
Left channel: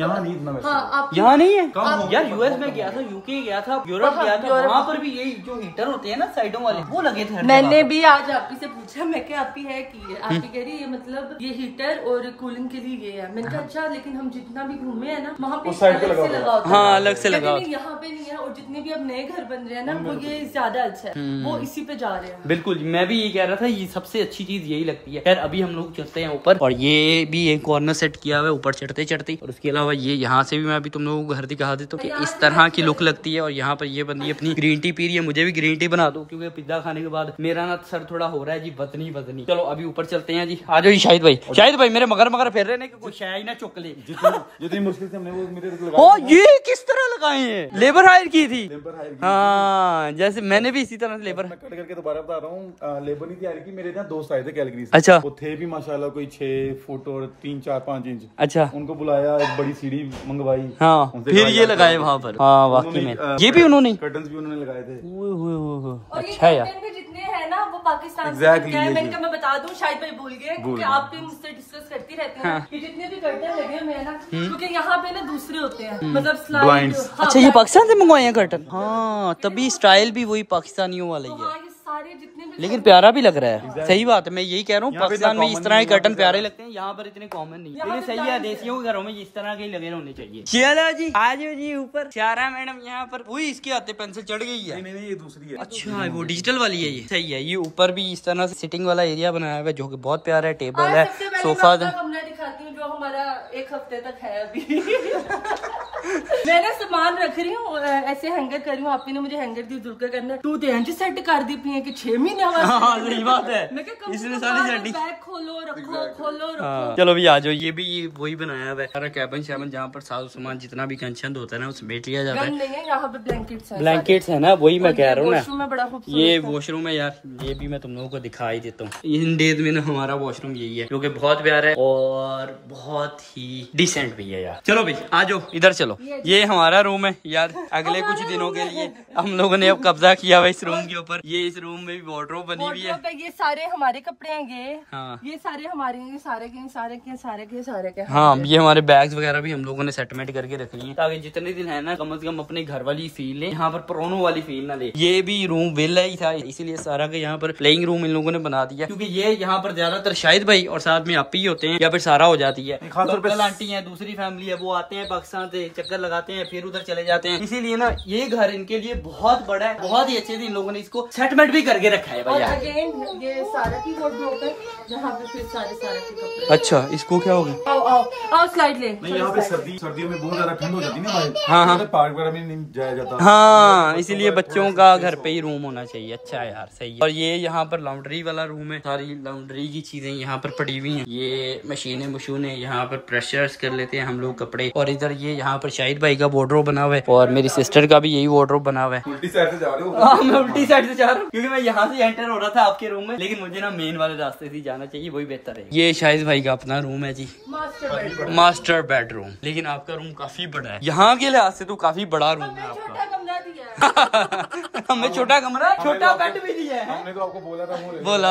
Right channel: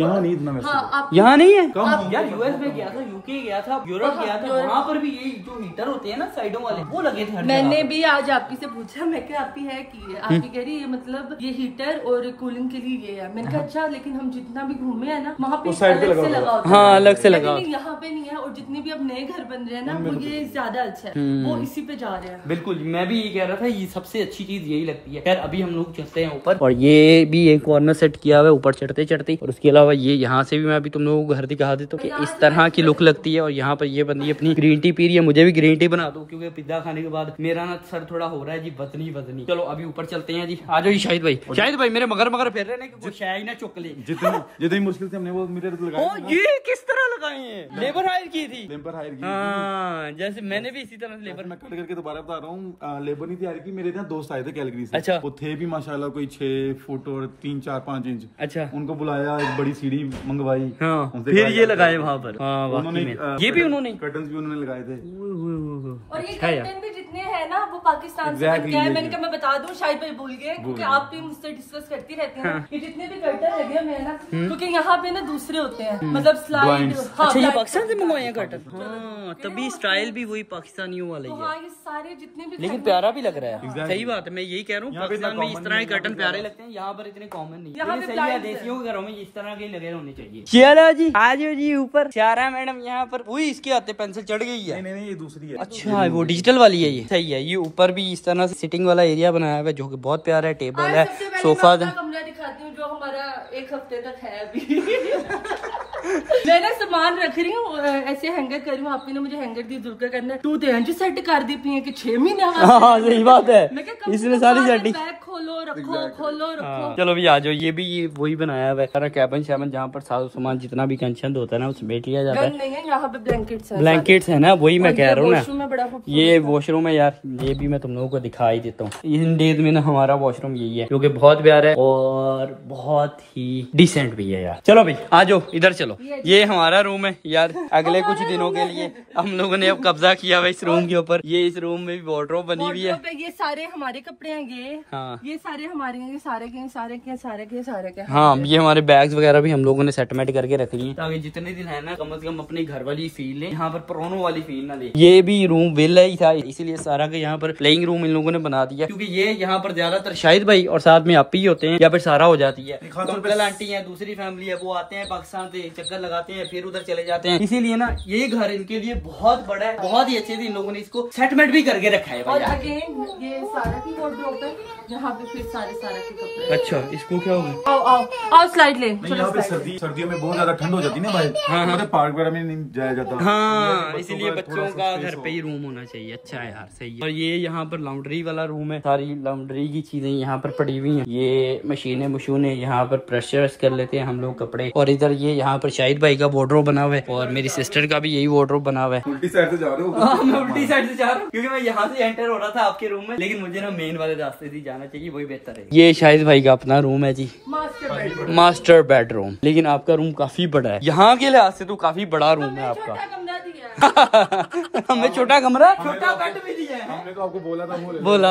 यहाँ नहीं, यहाँ नहीं है यार। यूएस में गया था, यूके गया था, यूरोप गया था, वहाँ पर भी यही जो हीटर होते हैं ना साइडों वाले, वो लगे थे। मैंने भी आज आपकी से पूछा, मैं क्या आपकी है की है, आपकी कह रही है मतलब ये हीटर और कूलिंग के लिए ये है। मैंने कहा अच्छा, लेकिन हम जितना भी घूमे है ना वहाँ पे अलग से लगा होता है। हाँ, अलग से लगा, यहाँ पे नहीं है। और जितने भी अब नए घर बन रहे हैं ना, वो ये ज्यादा अच्छा है, वो इसी पे जा रहे हैं। बिल्कुल, मैं भी ये कह रहा था, ये सबसे अच्छी चीज यही लगती है। खैर अभी हम लोग चलते हैं ऊपर, और ये भी एक कॉर्नर सेट किया हुआ है ऊपर चढ़ते चढ़ते। और उसके अलावा ये यहाँ से भी मैं अभी तुम लोगों को घर दिखा देता हूँ कि इस तरह की लुक लगती है। और यहाँ पर ये बंदी अपनी ग्रीन टी पी रही है, मुझे भी ग्रीन टी बना दो क्योंकि पिज्जा खाने के बाद मेरा ना सर थोड़ा हो रहा है जी, बदनी। चलो अभी ऊपर चलते हैं जी। आ जाओ शाहिद भाई मेरे मगर फेर रहे हैं कि शायद ना चुक ले। जितनी मुश्किल से हमने वो मिरर लगाया, ये किस तरह लगाए हैं? लेबर हायर की थी। हाँ, जैसे मैंने भी इसी तरह से लेबर, मैं कट करके दोबारा बता रहा हूँ, लेबर नहीं तैयार की, मेरे यहाँ दोस्त आए थे कैलगरी से। अच्छा, वो थे भी माशाल्लाह कोई 6 फुट और 3, 4, 5 इंच। अच्छा, उनको बुलाया, एक बड़ी सीढ़ी मंगवाई। हाँ, फिर ये लगाए वहाँ पर। हाँ वाकई में ये भी उन्होंने, कर्टन्स भी उन्होंने लगाए थे। अच्छा यार, जितने हैं ना वो पाकिस्तान से बनके आए। मैंने कहा मैं बता दूं, शायद भाई भूल गए क्योंकि आप भी मुझसे डिस्कस करती रहती हैं। ये जितने भी कर्टन लगे हुए हैं ना, क्योंकि यहाँ पे ना दूसरे होते हैं, मतलब स्लाइड। अच्छा, ये पाकिस्तान से मंगवाए हैं कर्टन? हाँ, तभी स्टाइल भी वही पाकिस्तानियों वाला ही है। सारे जितने भी, लेकिन प्यारा भी लग रहा है। सही बात है, मैं यही कह रहा हूँ, पाकिस्तान में इस तरह के कर्टन प्यारे लगते हैं, यहाँ पर इतने कॉमन नहीं है। लेकिन सही है, देसियों के घरों में इस तरह के लगे होने चाहिए। चलो जी, आ जाओ जी ऊपर। चारा मैडम यहाँ पर, वही इसके हाथे पेंसिल चढ़ गई है। नहीं, ये दूसरी है। अच्छा, वो डिजिटल वाली है ये। सही है। ये ऊपर भी इस तरह से सिटिंग वाला एरिया बनाया हुआ है जो कि बहुत प्यारा है। टेबल है, सोफा है। कमरा दिखाती हूँ जो हमारा 1 हफ्ते तक है अभी। मैंने सामान रख रही हूँ ऐसे हैंगर कर रही हूँ। आप ने मुझे हैंगर दी जुलकर करना तू तो एंज सेट कर दी पी है कि 6 महीने हाँ सही बात है। मैं क्या इसने सारी सेटिंग बैग खोलो रखो। चलो भी आ जाओ। ये भी वही बनाया हुआ है सारा कैबिन शैबन जहाँ पर सारा सामान जितना भी कंचन होता है ना उसमें बैठ लिया जाता है। यहाँ पे ब्लैंकेट्स है ना, वही मैं कह रहा हूँ ना। ये वॉशरूम है यार, ये भी मैं तुम लोगों को दिखा ही देता हूँ। इन डेज में ना हमारा वॉशरूम यही है क्योंकि बहुत प्यारा है और बहुत ही डिसेंट भी है यार। चलो भाई आ जाओ इधर चलो। ये हमारा रूम है यार। अगले कुछ दिनों के लिए हम लोगों ने अब कब्जा किया हुआ इस रूम के ऊपर। ये इस रूम में भी वार्डरोब बनी हुई है। ये सारे हमारे कपड़े हैं ये सारे हमारे हैं, सारे के। हाँ ये हमारे बैग्स वगैरह भी हम लोगों ने सेटमेंट करके रख लिए हैं ताकि जितने दिन है ना कम से कम अपने घर वाली फील ले, यहाँ पर पुरानों वाली फील ना ले। ये भी रूम वेला ही था इसीलिए सारा का यहाँ पर प्लेइंग रूम इन लोगों ने बना दिया क्योंकि ये यहाँ पर ज्यादातर शाहिद भाई और साथ में आप ही होते हैं या फिर सारा हो जाती है। अंकल आंटी है, दूसरी फैमिली है, वो आते हैं पाकिस्तान से, चक्कर लगाते हैं फिर उधर चले जाते हैं। इसीलिए ना ये घर इनके लिए बहुत बड़ा है, बहुत ही अच्छे से इन लोगों ने इसको सेटमेंट भी करके रखा है भैया। ये सारा की वार्डरोब है जहाँ पे फिर सारे के कपड़े। अच्छा इसको क्या हो गया? आओ स्लाइड ले। यहाँ पे सर्दियों में बहुत ज्यादा ठंड हो जाती है ना भाई। हाँ पार्क वगैरह में नहीं जाया जाता। हाँ इसीलिए बच्चों का घर पे ही रूम होना चाहिए। अच्छा यार सही है। और ये यहाँ पर लॉन्ड्री वाला रूम है, सारी लॉन्ड्री की चीजें यहाँ पर पड़ी हुई हैं। ये मशीनें मशूनें यहाँ पर प्रेशर्स कर लेते हैं हम लोग कपड़े। और इधर ये यहाँ पर शाहिद भाई का वार्डरोब बना हुआ है और मेरी सिस्टर का भी यही वार्डरोब बना हुआ है। उल्टी साइड से जा रहे हो? हाँ मैं उल्टी साइड से जा रहा हूँ क्योंकि मैं यहाँ से एंटर हो रहा था आपके रूम में, लेकिन मुझे ना मेन वाले रास्ते से जाना चाहिए, वही बेहतर है। ये शाहिद भाई का अपना रूम है जी, मास्टर बेडरूम। लेकिन आपका रूम काफी बड़ा है, यहाँ के लिहाज से तो काफी बड़ा रूम है आपका। हमें छोटा कमरा, छोटा बेड भी दिया है। हमने तो आपको बोला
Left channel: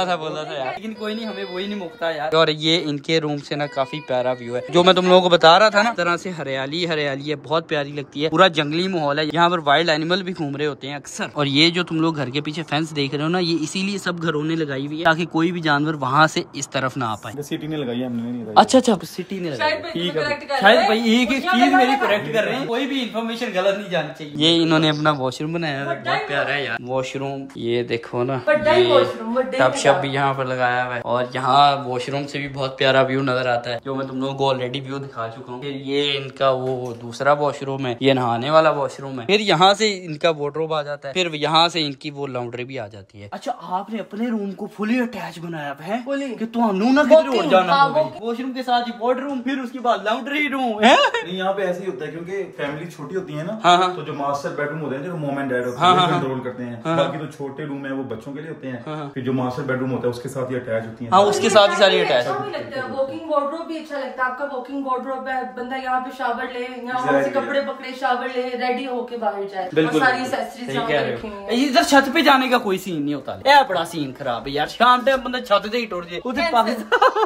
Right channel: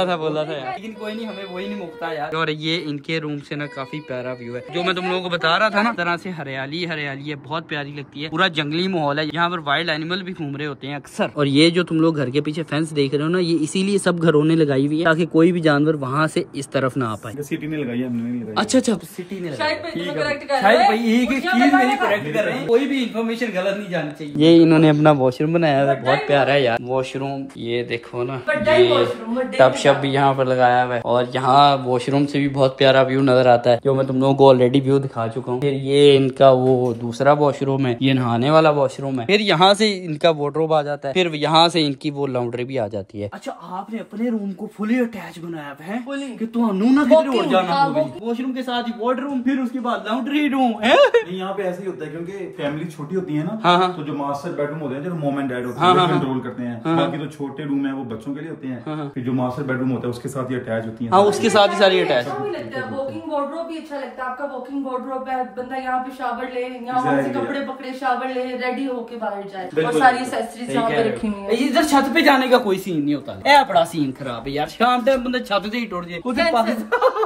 था यार, लेकिन कोई नहीं, हमें वही नहीं मुकता यार। और ये इनके रूम से ना काफी प्यारा व्यू है, जो मैं तुम लोगों को बता रहा था ना, तरह से हरियाली हरियाली है, बहुत प्यारी लगती है। पूरा जंगली माहौल है, यहाँ पर वाइल्ड एनिमल भी घूम रहे होते हैं अक्सर। और ये जो तुम लोग घर के पीछे फेंस देख रहे हो ना, ये इसीलिए सब घरों ने लगाई हुई है ताकि कोई भी जानवर वहाँ से इस तरफ ना आ पाए। सिटी ने लगाई, हमने नहीं लगाई। अच्छा सिटी ने लगाई, ठीक है। शायद भाई एक चीज मेरी करेक्ट कर रहे हैं, कोई भी इन्फॉर्मेशन गलत नहीं जानी चाहिए। ये इन्होंने अपना वॉशरूम बनाया है, बहुत प्यारा है यार वॉशरूम। ये देखो ना, टब शब भी यहाँ पर लगाया हुआ है और यहाँ वॉशरूम से भी बहुत प्यारा व्यू नजर आता है, जो मैं तुम लोगों को ऑलरेडी व्यू दिखा चुका हूँ। फिर ये इनका वो दूसरा वॉशरूम है, ये नहाने वाला वॉशरूम है। फिर यहाँ से इनका वार्डरोब आ जाता है, फिर यहाँ से इनकी वो लॉन्ड्री भी आ जाती है। अच्छा आपने अपने रूम को फुली अटैच बनाया है कि तुहानू ना किधर और जाना होगी। वॉशरूम के साथ ही वार्डरूम, फिर उसके बाद लॉन्ड्री रूम। यहाँ पे ऐसे ही होता है क्योंकि फैमिली छोटी होती है ना, तो जो मास्टर बेडरूम होते हैं जो मॉम एंड डैड होते हैं कंट्रोल करते हैं, बाकी तो छोटे रूम है वो बच्चों के लिए होते हैं। फिर जो मास्टर बेडरूम होता है उसके साथ ही अटैच होती है। हाँ उसके साथ ही सारी अटैच। वॉकिंग वार्डरोब भी अच्छा लगता है। आपका वॉकिंग वार्डरोब है, बंदा यहाँ पे शावर ले, यहाँ से कपड़े पकड़े, शावर ले, रेडी होके बाहर जाए और सारी एक्सेसरीज यहाँ पे रखी हुई है। इधर छत पे जाने का कोई सीन नहीं होता, ये बड़ा सीन खराब है यार। शाम टाइम बंदा छत से ही टूट जाए,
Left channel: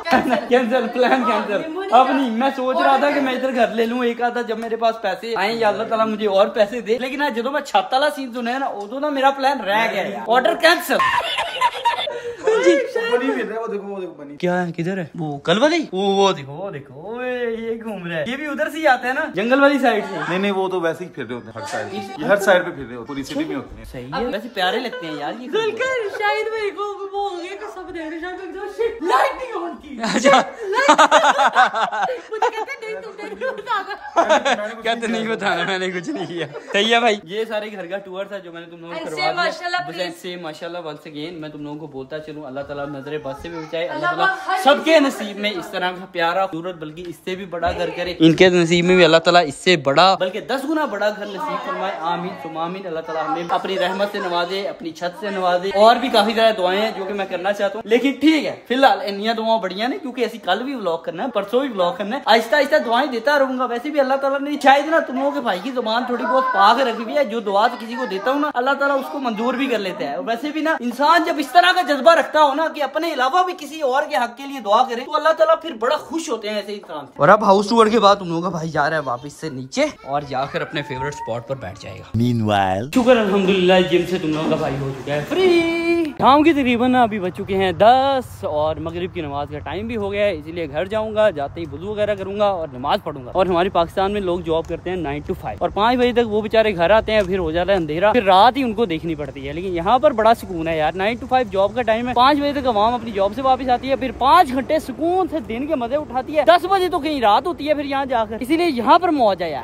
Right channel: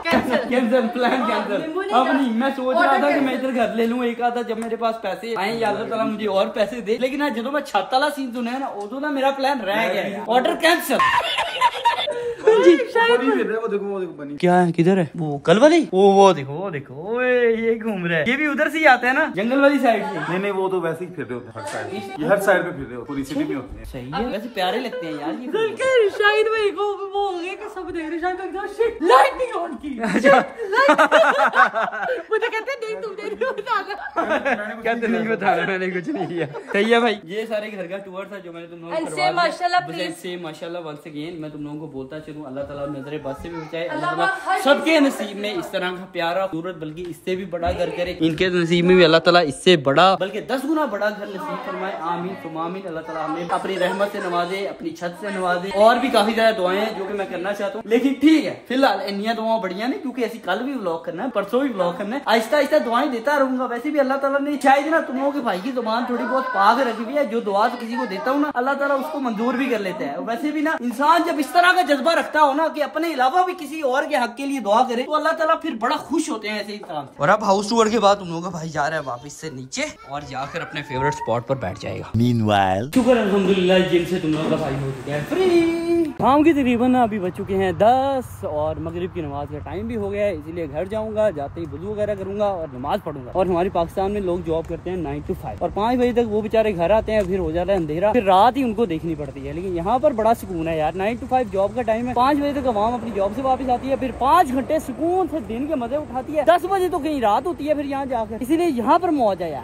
कैंसिल, प्लान कैंसिल। अब नहीं, मैं सोच रहा था कि मैं इधर घर ले लूं एक आधा, जब मेरे पास पैसे आए या अल्लाह ताला मुझे और पैसे दे, लेकिन जो मैं छत वाला सीन सुना है ना, उदो ना मेरा प्लान रह गया, ऑर्डर कैंसिल। वो देखो बनी क्या है, किधर है वो कल वाली? वो देखो ये घूम रहा है। ये भी उधर से ही आते हैं ना, जंगल वाली साइड से। नहीं वो तो वैसे ही फिर रहे होते हैं, हर साइड पे फिर रहे हो, पूरी सिटी में होती है। सही है, वैसे प्यारे लगते हैं यार ये। शायद भाई को वो हो गया कि सब देख रहे, शायद एकदम शिट लाइट नहीं ऑन की। मुझे कहते नहीं तुमने बताना, कहते नहीं बताना, मैंने कुछ नहीं किया। सही है भाई, ये सारे घर का टूर था जो मैंने तुम लोगों को करवा दिया। माशाल्लाह वंस अगेन मैं तुम लोगों को बोलता चलूं, अल्लाह ताला नजरे बस से भी बचाए, अल्लाह ताला सबके नसीब में इस तरह का प्यारा सूरत, बल्कि इससे भी बड़ा घर करे। इनके नसीब में भी अल्लाह ताला इससे बड़ा बल्कि 10 गुना बड़ा घर नसीब फरमाए। आमीन सुम्मा आमीन। अल्लाह ताला हमें अपनी रहमत से नवाजे, अपनी छत से नवाजे। और भी काफी ज्यादा दुआएं हैं जो कि मैं करना चाहता हूँ, लेकिन ठीक है फिलहाल इन्नियां दुआएं बढ़िया नहीं, क्योंकि ऐसी कल भी व्लॉग करना है, परसों भी व्लॉग करना है, आहिस्ता आहिस्ता दुआएं देता रहूंगा। वैसे भी अल्लाह ताला ने शायद ना तुम लोगों के भाई की जुबान थोड़ी बहुत पाक रखी हुई है, जो दुआ किसी को देता हूँ ना, अल्लाह ताला उसको मंजूर भी कर लेता है। वैसे भी ना इंसान जब इस तरह का जज्बा रखता हो ना कि अपने अलावा भी किसी और के हक के लिए दुआ करे, तो अल्लाह ताला फिर बड़ा खुश होते हैं ऐसे इंसान। और अब हाउस टूर के बाद तुम लोगों का भाई जा रहा है वापस से नीचे और जाकर अपने फेवरेट स्पॉट पर बैठ जाएगा। Meanwhile, शुक्र अल्हम्दुलिल्लाह जिम से तुम लोगों का भाई हो चुका है फ्री। शाम की तकरीबन अभी बज चुके हैं 10 और मगरिब की नमाज का टाइम भी हो गया है, इसलिए घर जाऊंगा, जाते ही वुज़ू वगैरह करूंगा और नमाज पढ़ूंगा। और हमारे पाकिस्तान में लोग जॉब करते हैं 9 to 5 और 5 बजे तक वो बेचारे घर आते हैं, फिर हो जाता है अंधेरा, फिर रात ही उनको देखनी पड़ती है। लेकिन यहाँ पर बड़ा सुकून है यार, 9 to 5 जॉब का टाइम है, 5 बजे तक आवाम अपनी जॉब से वापस आती है, फिर 5 घंटे सुकून से दिन के मजे उठाती है, 10 बजे तो कहीं रात होती है फिर यहाँ जाकर, इसीलिए यहाँ पर मौज है यार।